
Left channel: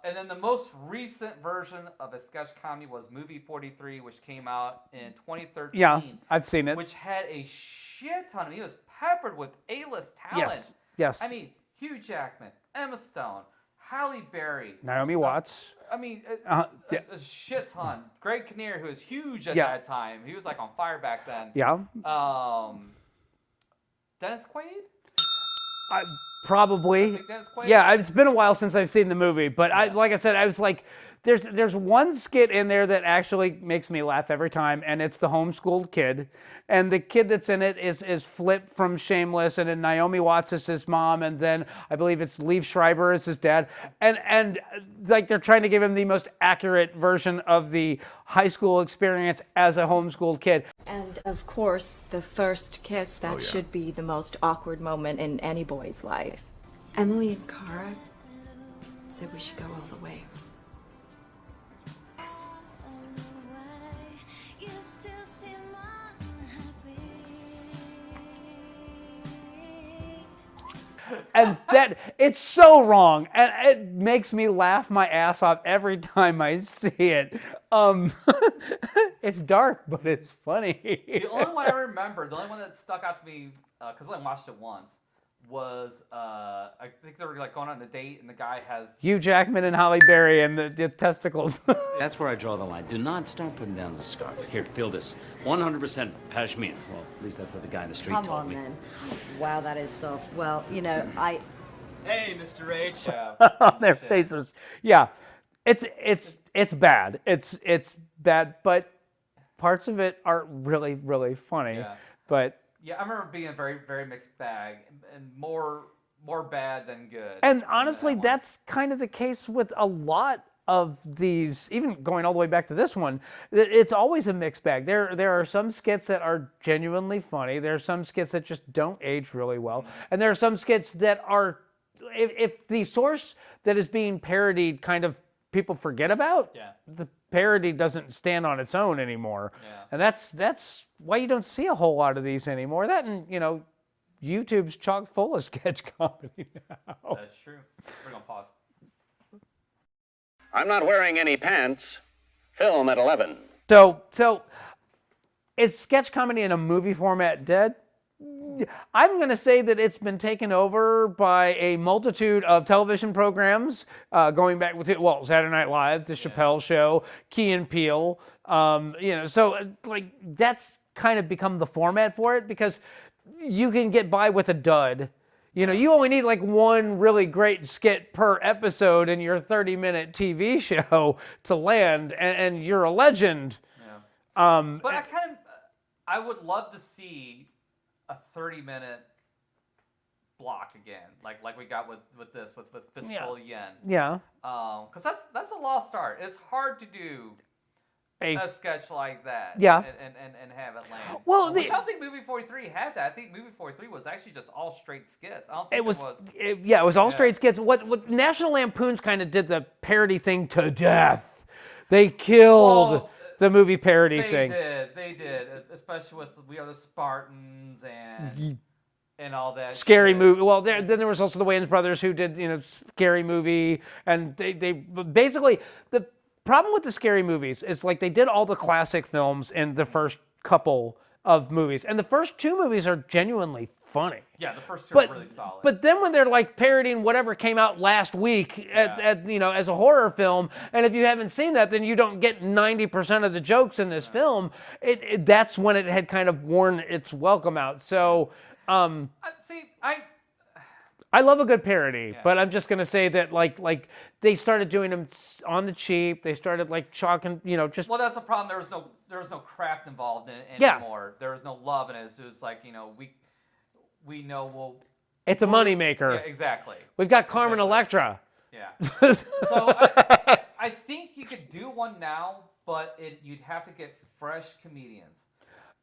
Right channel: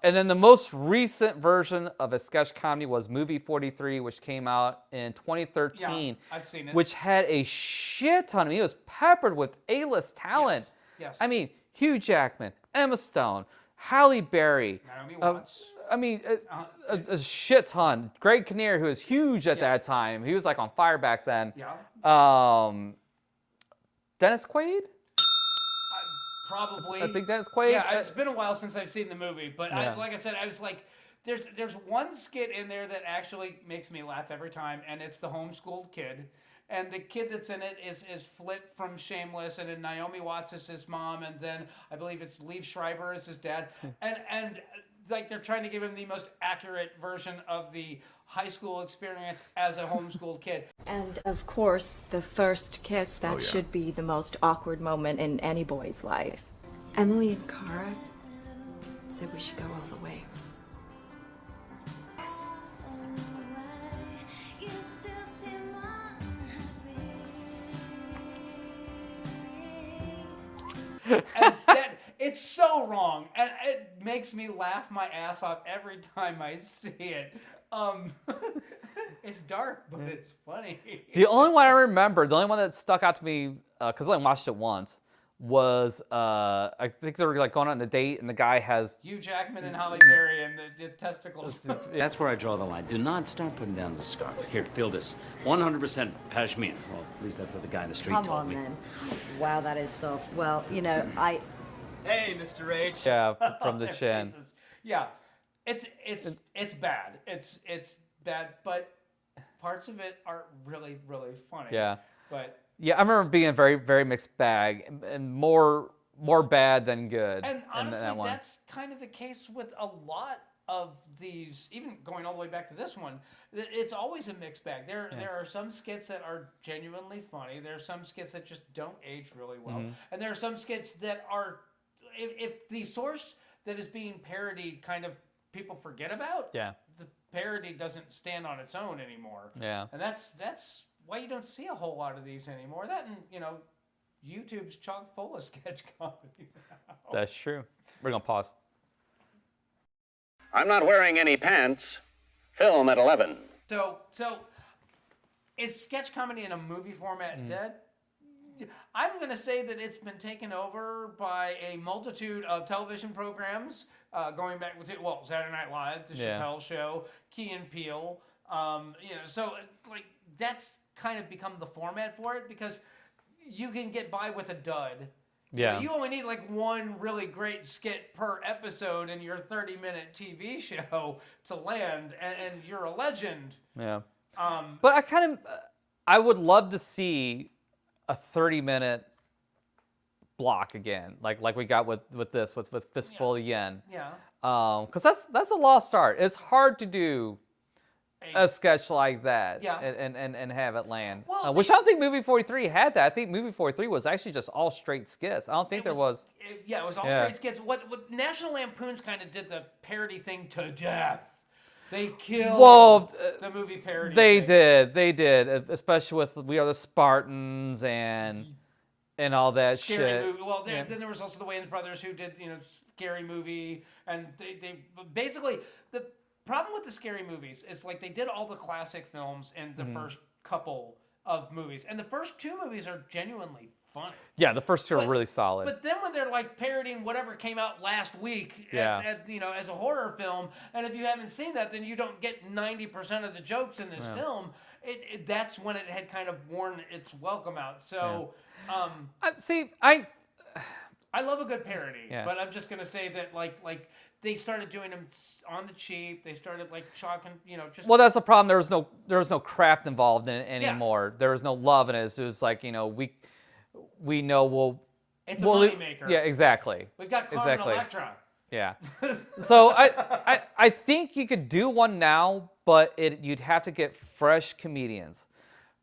And then the most recent version of a sketch comedy was Movie 43, which came out in 2013. Yeah, I've seen it. Which had a shit ton of it. It was peppered with A-list talent. Yes. I mean, Hugh Jackman, Emma Stone, Halle Berry, Naomi Watts. I mean, a shit ton. Greg Kinnear, who was huge at that time. He was like on fire back then. Yeah. Dennis Quaid? Probably. I think Dennis Quaid. Yeah, it's been a while since I've seen the movie, but like I said, I was like, there's one skit in there that actually makes me laugh every time, and it's the homeschooled kid. And the kid that's in it is Flip from Shameless, and then Naomi Watts is his mom, and then I believe it's Liev Schreiber is his dad. And like they're trying to give him the most accurate version of the high school experience as a homeschooled kid. And of course, the first kiss, that should be the most awkward moment in any boy's life. Emily and Cara said we should go all the way. And that it's so wrong, and it makes me laugh my ass off every time I see it. It's dark, but it's funny. The only one I remember, the only one that stuck out to me, because I only watched it once, was I think they were like going on a date, and the guy has Hugh Jackman and Halle Berry and the testicles. That's where I draw the line. Do not start putting down the scarf. Here, feel this. 100% pashmina. Well, at least that's what the guy in the street told me. Come on, then. Wow, that is soft. Well, you know, I... Hey, Mr. H. Yeah, on their faces. Yeah, it's bad. It's bad, but parts of it are really, really funny. Yeah. But... Yeah, I remember being a very, very mixed bag, and more bad than good. And honestly, that's kind of the case with a lot of these, even going all the way back to this one. It's always a mixed bag. There are some skits that are genuinely funny. There are some skits that just don't age really well. And there are some skits that are, if the source that is being parodied kind of people forget about, the parody doesn't stand on its own anymore. Yeah. And that's why you don't see a whole lot of these anymore. That and, YouTube's chock full of sketch comedy now. That's true. We're going to pause. I'm not wearing any pants. Film at 11. So is sketch comedy in a movie format dead? I'm going to say that it's been taken over by a multitude of television programs, going back with Saturday Night Live, The Chappelle Show, Key and Peele. So like that's kind of become the format for it because you can get by with a dud. You only need like one really great skit per episode in your 30-minute TV show to land, and you're a legend. Yeah. But I would love to see a 30-minute block again, like we got with this with Fistful of Yen. Yeah. Because that's a lost art. It's hard to do a sketch like that. Yeah. And have it land. Well, which I don't think Movie 43 had that. I think Movie 43 was actually just all straight skits. I don't think it was. It was all straight skits. What National Lampoon's kind of did the parody thing to death. They killed the movie parody thing. They did, especially with We Are the Spartans and all that Scary shit. Movie. Well, then there was also the Wayans brothers who did, Scary Movie, and they basically the problem with the Scary Movies is like they did all the classic films in the first couple of movies, and the first two movies are genuinely funny. Yeah, the first two are really solid. But then when they're like parodying whatever came out last week as a horror film, and if you haven't seen that, then you don't get 90% of the jokes in this film. That's when it had kind of worn its welcome out. So, I love a good parody, but I'm just gonna say that like they started doing them on the cheap. They started like chalking, just. Well, that's the problem. There was no craft involved in it anymore. There was no love in it. It was like we know it's a moneymaker. Yeah, exactly. We've got Carmen Electra. Yeah. So I think you could do one now, but you'd have to get fresh comedians.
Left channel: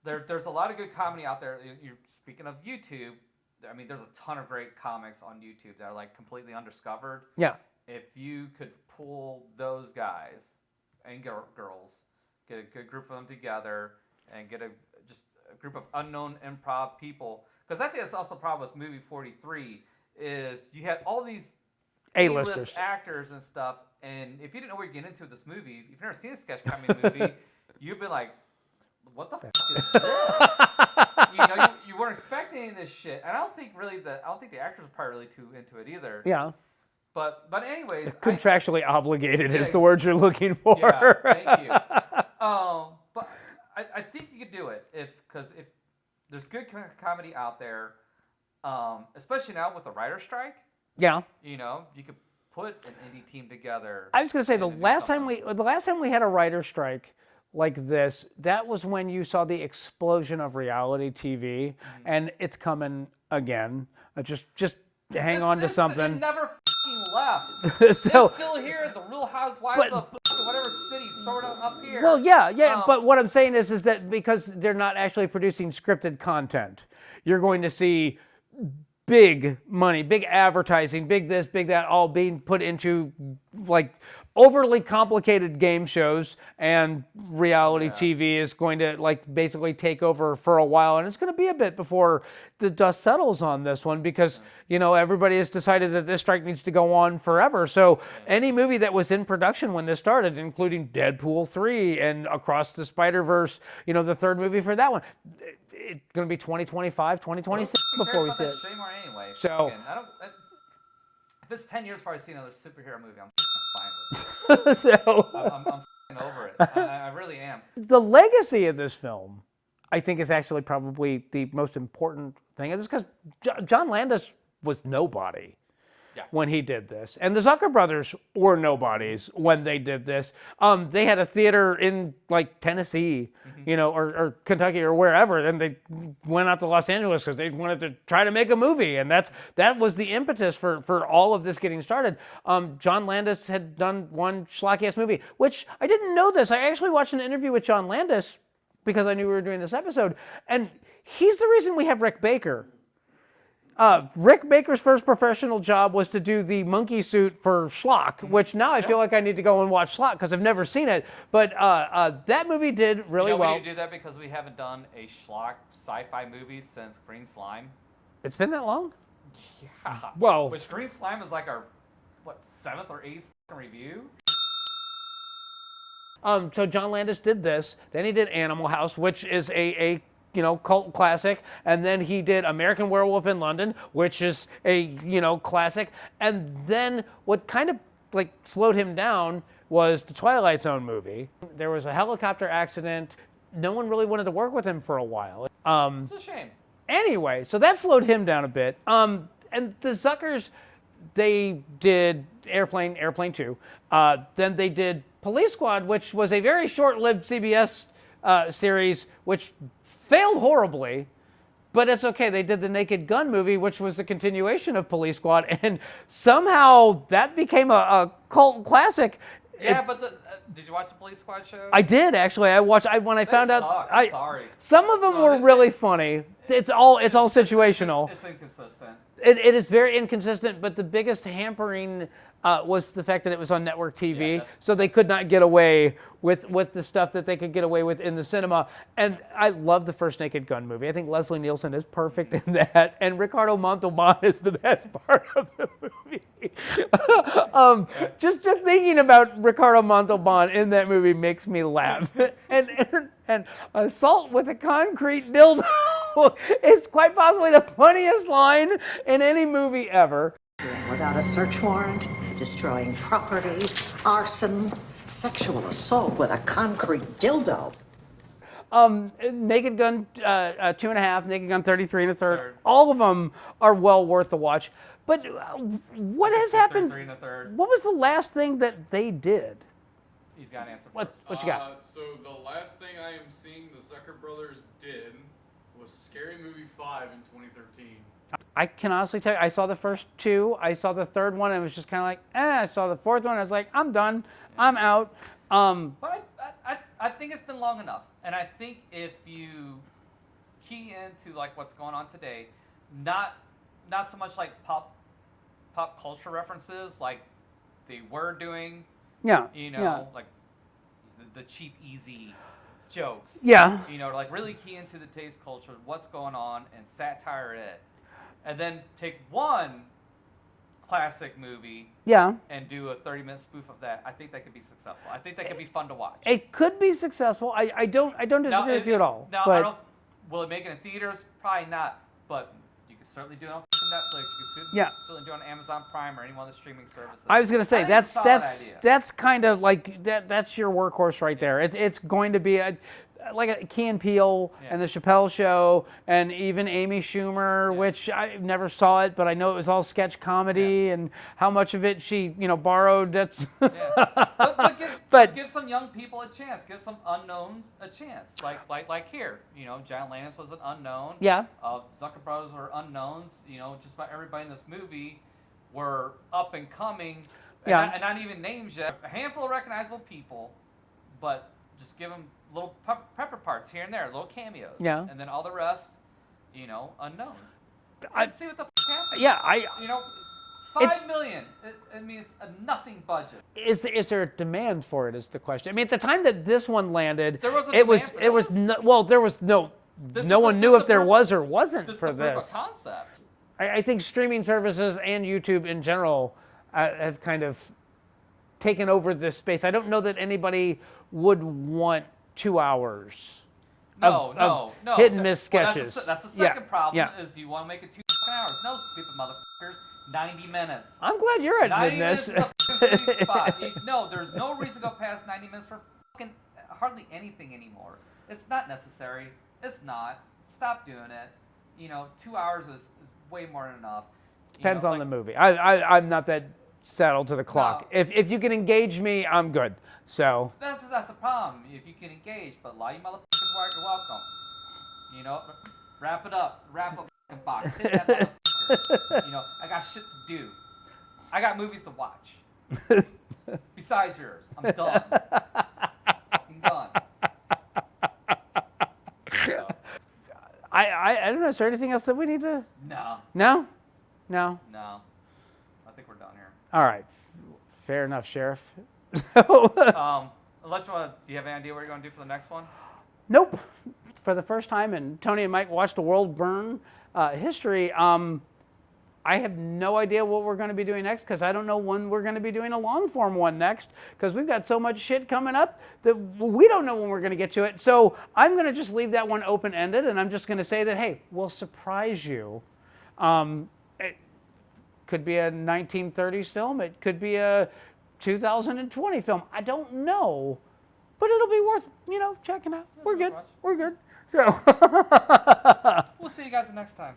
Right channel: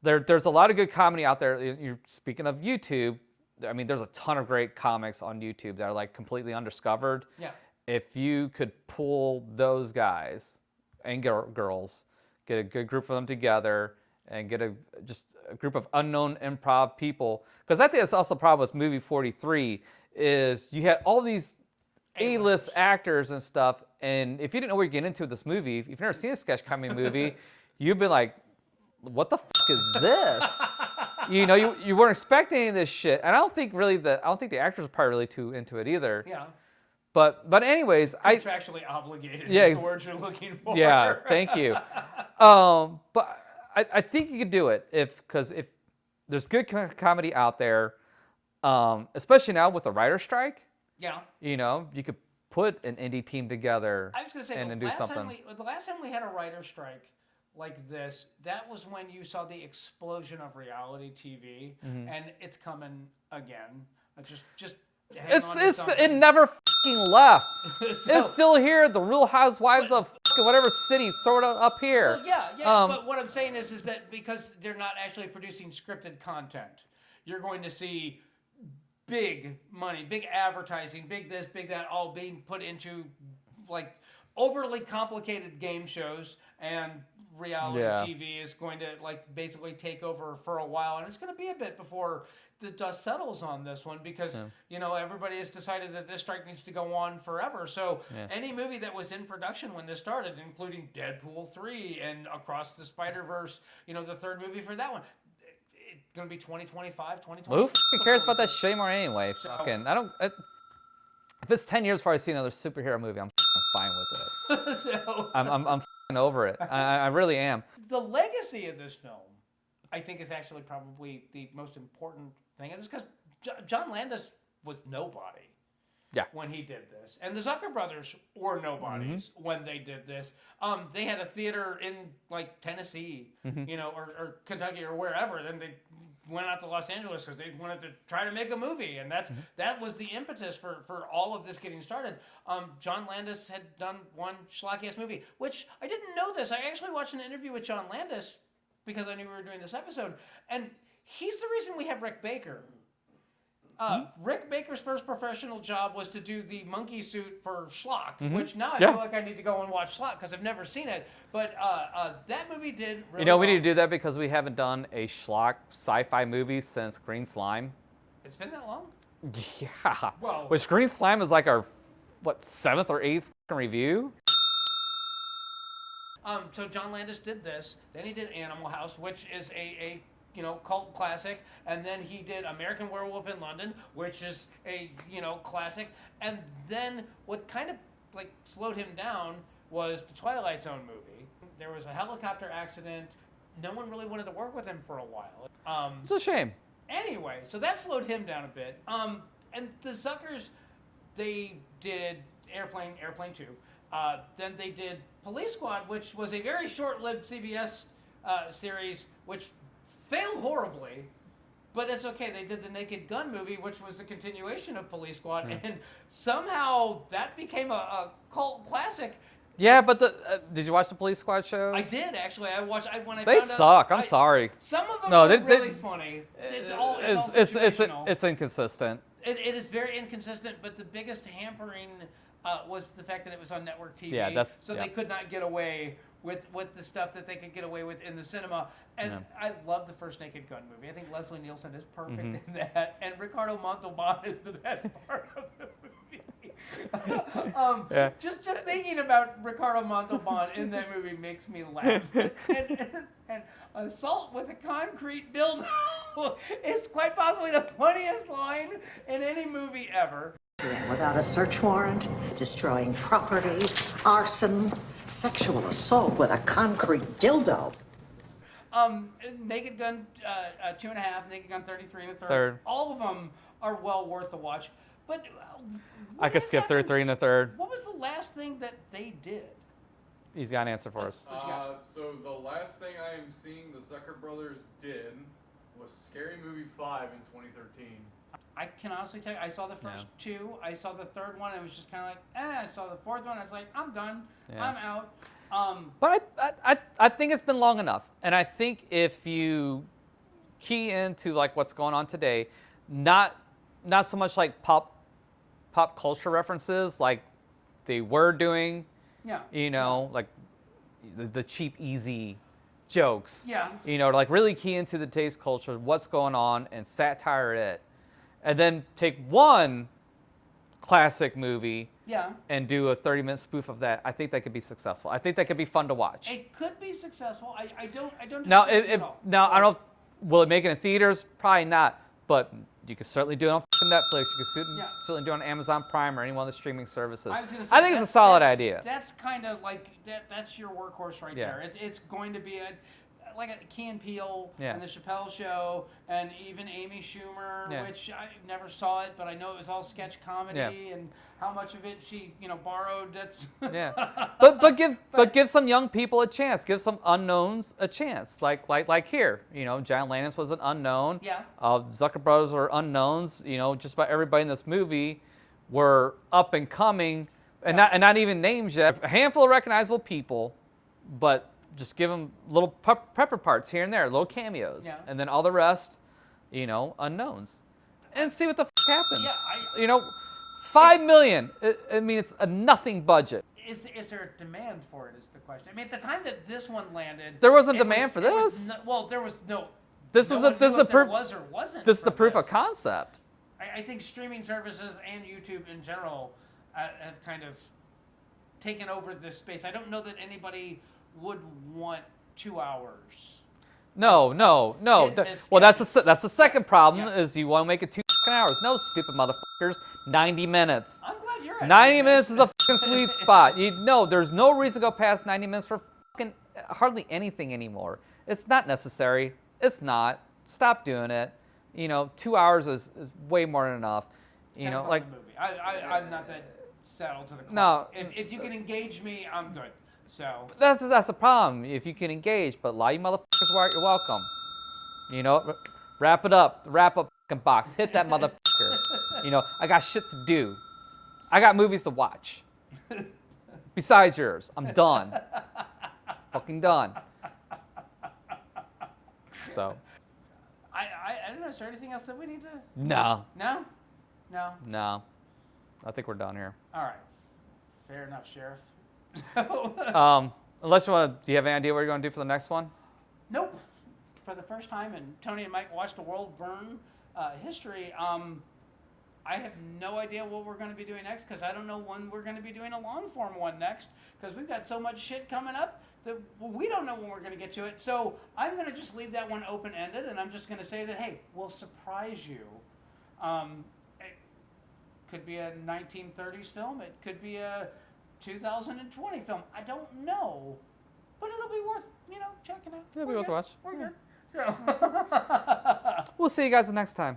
There's a lot of good comedy out there. You're speaking of YouTube. I mean, there's a ton of great comics on YouTube that are like completely undiscovered. Yeah. If you could pull those guys and girls, get a good group of them together, and get just a group of unknown improv people, because I think that's also the problem with movie 43 is you had all these A-list actors and stuff, and if you didn't know what you're getting into with this movie, if you've never seen a sketch comedy movie, you'd be like, what the is this? You weren't expecting any of this shit, and I don't think the actors are probably really too into it either. Yeah. But anyways, contractually obligated is the word you're looking for. Yeah, thank you. But I think you could do it because if there's good comedy out there, especially now with the writer's strike. Yeah. You could put an indie team together. I was going to say the last time we had a writer's strike like this, that was when you saw the explosion of reality TV, and it's coming again. Just hang on to something. It never left. It's still here. The Real Housewives of whatever city, throw it up here. Well, yeah. But what I'm saying is that because they're not actually producing scripted content, you're going to see big money, big advertising, big this, big that, all being put into like overly complicated game shows, and reality TV is going to like basically take over for a while, and it's going to be a bit before the dust settles on this one because everybody has decided that this strike needs to go on forever. So any movie that was in production when this started, including Deadpool 3 and Across the Spider-Verse, the third movie for that one, it's going to be 2025, 2026. Who cares about that shit anymore anyway? So if it's 10 years before I see another superhero movie, I'm fine with it. So I'm over it. I really am. The legacy of this film, I think, is actually probably the most important thing. It's because John Landis was nobody when he did this. And the Zucker brothers were nobodies when they did this. They had a theater in like Tennessee, or Kentucky or wherever, and they went out to Los Angeles because they wanted to try to make a movie. And that was the impetus for all of this getting started. John Landis had done one schlocky-ass movie, which I didn't know this. I actually watched an interview with John Landis because I knew we were doing this episode. And he's the reason we have Rick Baker. Rick Baker's first professional job was to do the monkey suit for Schlock, which now I feel like I need to go and watch Schlock because I've never seen it. But that movie did really well. We need to do that because we haven't done a Schlock sci-fi movie since Green Slime. It's been that long? Yeah. Well, which Green Slime is like our, 7th or 8th review? So John Landis did this. Then he did Animal House, which is a cult classic, and then he did American Werewolf in London, which is a, classic, and then what kind of, slowed him down was the Twilight Zone movie. There was a helicopter accident. No one really wanted to work with him for a while. It's a shame. Anyway, so that slowed him down a bit. And the Zuckers, they did Airplane 2. Then they did Police Squad, which was a very short-lived CBS series, which failed horribly, but it's okay. They did the Naked Gun movie, which was a continuation of Police Squad, and somehow that became a cult classic. Yeah, but did you watch the Police Squad shows? I did actually. I watched. When I found out, they suck. I'm sorry. Some of them were really funny. It's all situational. It's inconsistent. It is very inconsistent. But the biggest hampering was the fact that it was on network TV, so they could not get away with the stuff that they could get away with in the cinema. And I love the first Naked Gun movie. I think Leslie Nielsen is perfect in that, and Ricardo Montalban is the best part of the movie. Just thinking about Ricardo Montalban in that movie makes me laugh. and assault with a concrete dildo is quite possibly the funniest line in any movie ever. Without a search warrant, destroying property, arson, sexual assault with a concrete dildo. Naked Gun 2.5, Naked Gun 33 1/3. All of them are well worth the watch. But what has happened? 33 1/3. What was the last thing that they did? He's got an answer for us. What you got? So the last thing I am seeing the Zucker brothers did was Scary Movie 5 in 2013. I can honestly tell you, I saw the first two. I saw the third one, and it was just kind of like, I saw the fourth one, I was like, I'm done. Yeah. I'm out. But I think it's been long enough. And I think if you key into like what's going on today, not so much like pop culture references like they were doing. Yeah. Like the cheap, easy jokes. Yeah. Like really key into the today's culture, what's going on, and satire it. And then take one classic movie and do a 30-minute spoof of that. I think that could be successful. I think that could be fun to watch. It could be successful. I don't disagree with you at all. Now, I don't. Will it make it in theaters? Probably not. But you could certainly do it on Netflix. You could certainly do it on Amazon Prime or any one of the streaming services. I was going to say, that's a solid idea. That's kind of like, that's your workhorse right there. It's going to be like a Key and Peele and the Chappelle Show and even Amy Schumer, which I never saw it, but I know it was all sketch comedy and how much of it she borrowed. That's but give some young people a chance. Give some unknowns a chance. Like here, John Landis was an unknown. Yeah. Zucker Brothers were unknowns. Just about everybody in this movie were up and coming, and not even names yet. A handful of recognizable people, but just give them little pepper parts here and there, little cameos. Yeah. And then all the rest, unknowns. And see what the happens. Yeah, $5 million. I mean, it's a nothing budget. Is there a demand for it? Is the question. I mean, at the time that this one landed, there wasn't demand for this. There was no. No one knew if there was or wasn't. This is the proof of concept. I think streaming services and YouTube in general have kind of taken over this space. I don't know that anybody would want 2 hours. No. Hit and miss well, sketches. that's the second problem is you want to make it 2 hours. No, stupid motherfuckers. 90 minutes. I'm glad you're at 90 minutes is a fucking sweet spot. There's no reason to go past 90 minutes for fucking hardly anything anymore. It's not necessary. It's not. Stop doing it. 2 hours is way more than enough. Depends on the movie. I'm not that saddled to the clock. No. If you can engage me, I'm good. So that's a problem. If you can engage, but a lot of you motherfuckers, you're welcome. Wrap it up. Wrap up fucking box. Hit that motherfucker. I got shit to do. I got movies to watch. Besides yours, I'm done. Fucking done. So, I don't know. Is there anything else that we need to? No. No. I think we're done here. All right. Fair enough, Sheriff. Unless do you have any idea what you're going to do for the next one? Nope. For the first time, and Tony and Mike watched the world burn history. I have no idea what we're going to be doing next because I don't know when we're going to be doing a long form one next because we've got so much shit coming up that we don't know when we're going to get to it. So I'm going to just leave that one open ended, and I'm just going to say that hey, we'll surprise you. It could be a 1930s film. It could be a 2020 film. I don't know, but it'll be worth checking out. Yeah, we're good. Watch. We're good. So we'll see you guys the next time.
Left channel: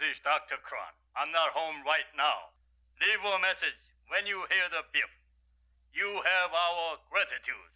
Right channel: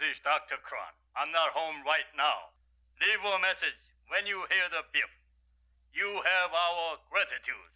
This is Dr. Kron. I'm not home right now. Leave a message when you hear the beep. You have our gratitude.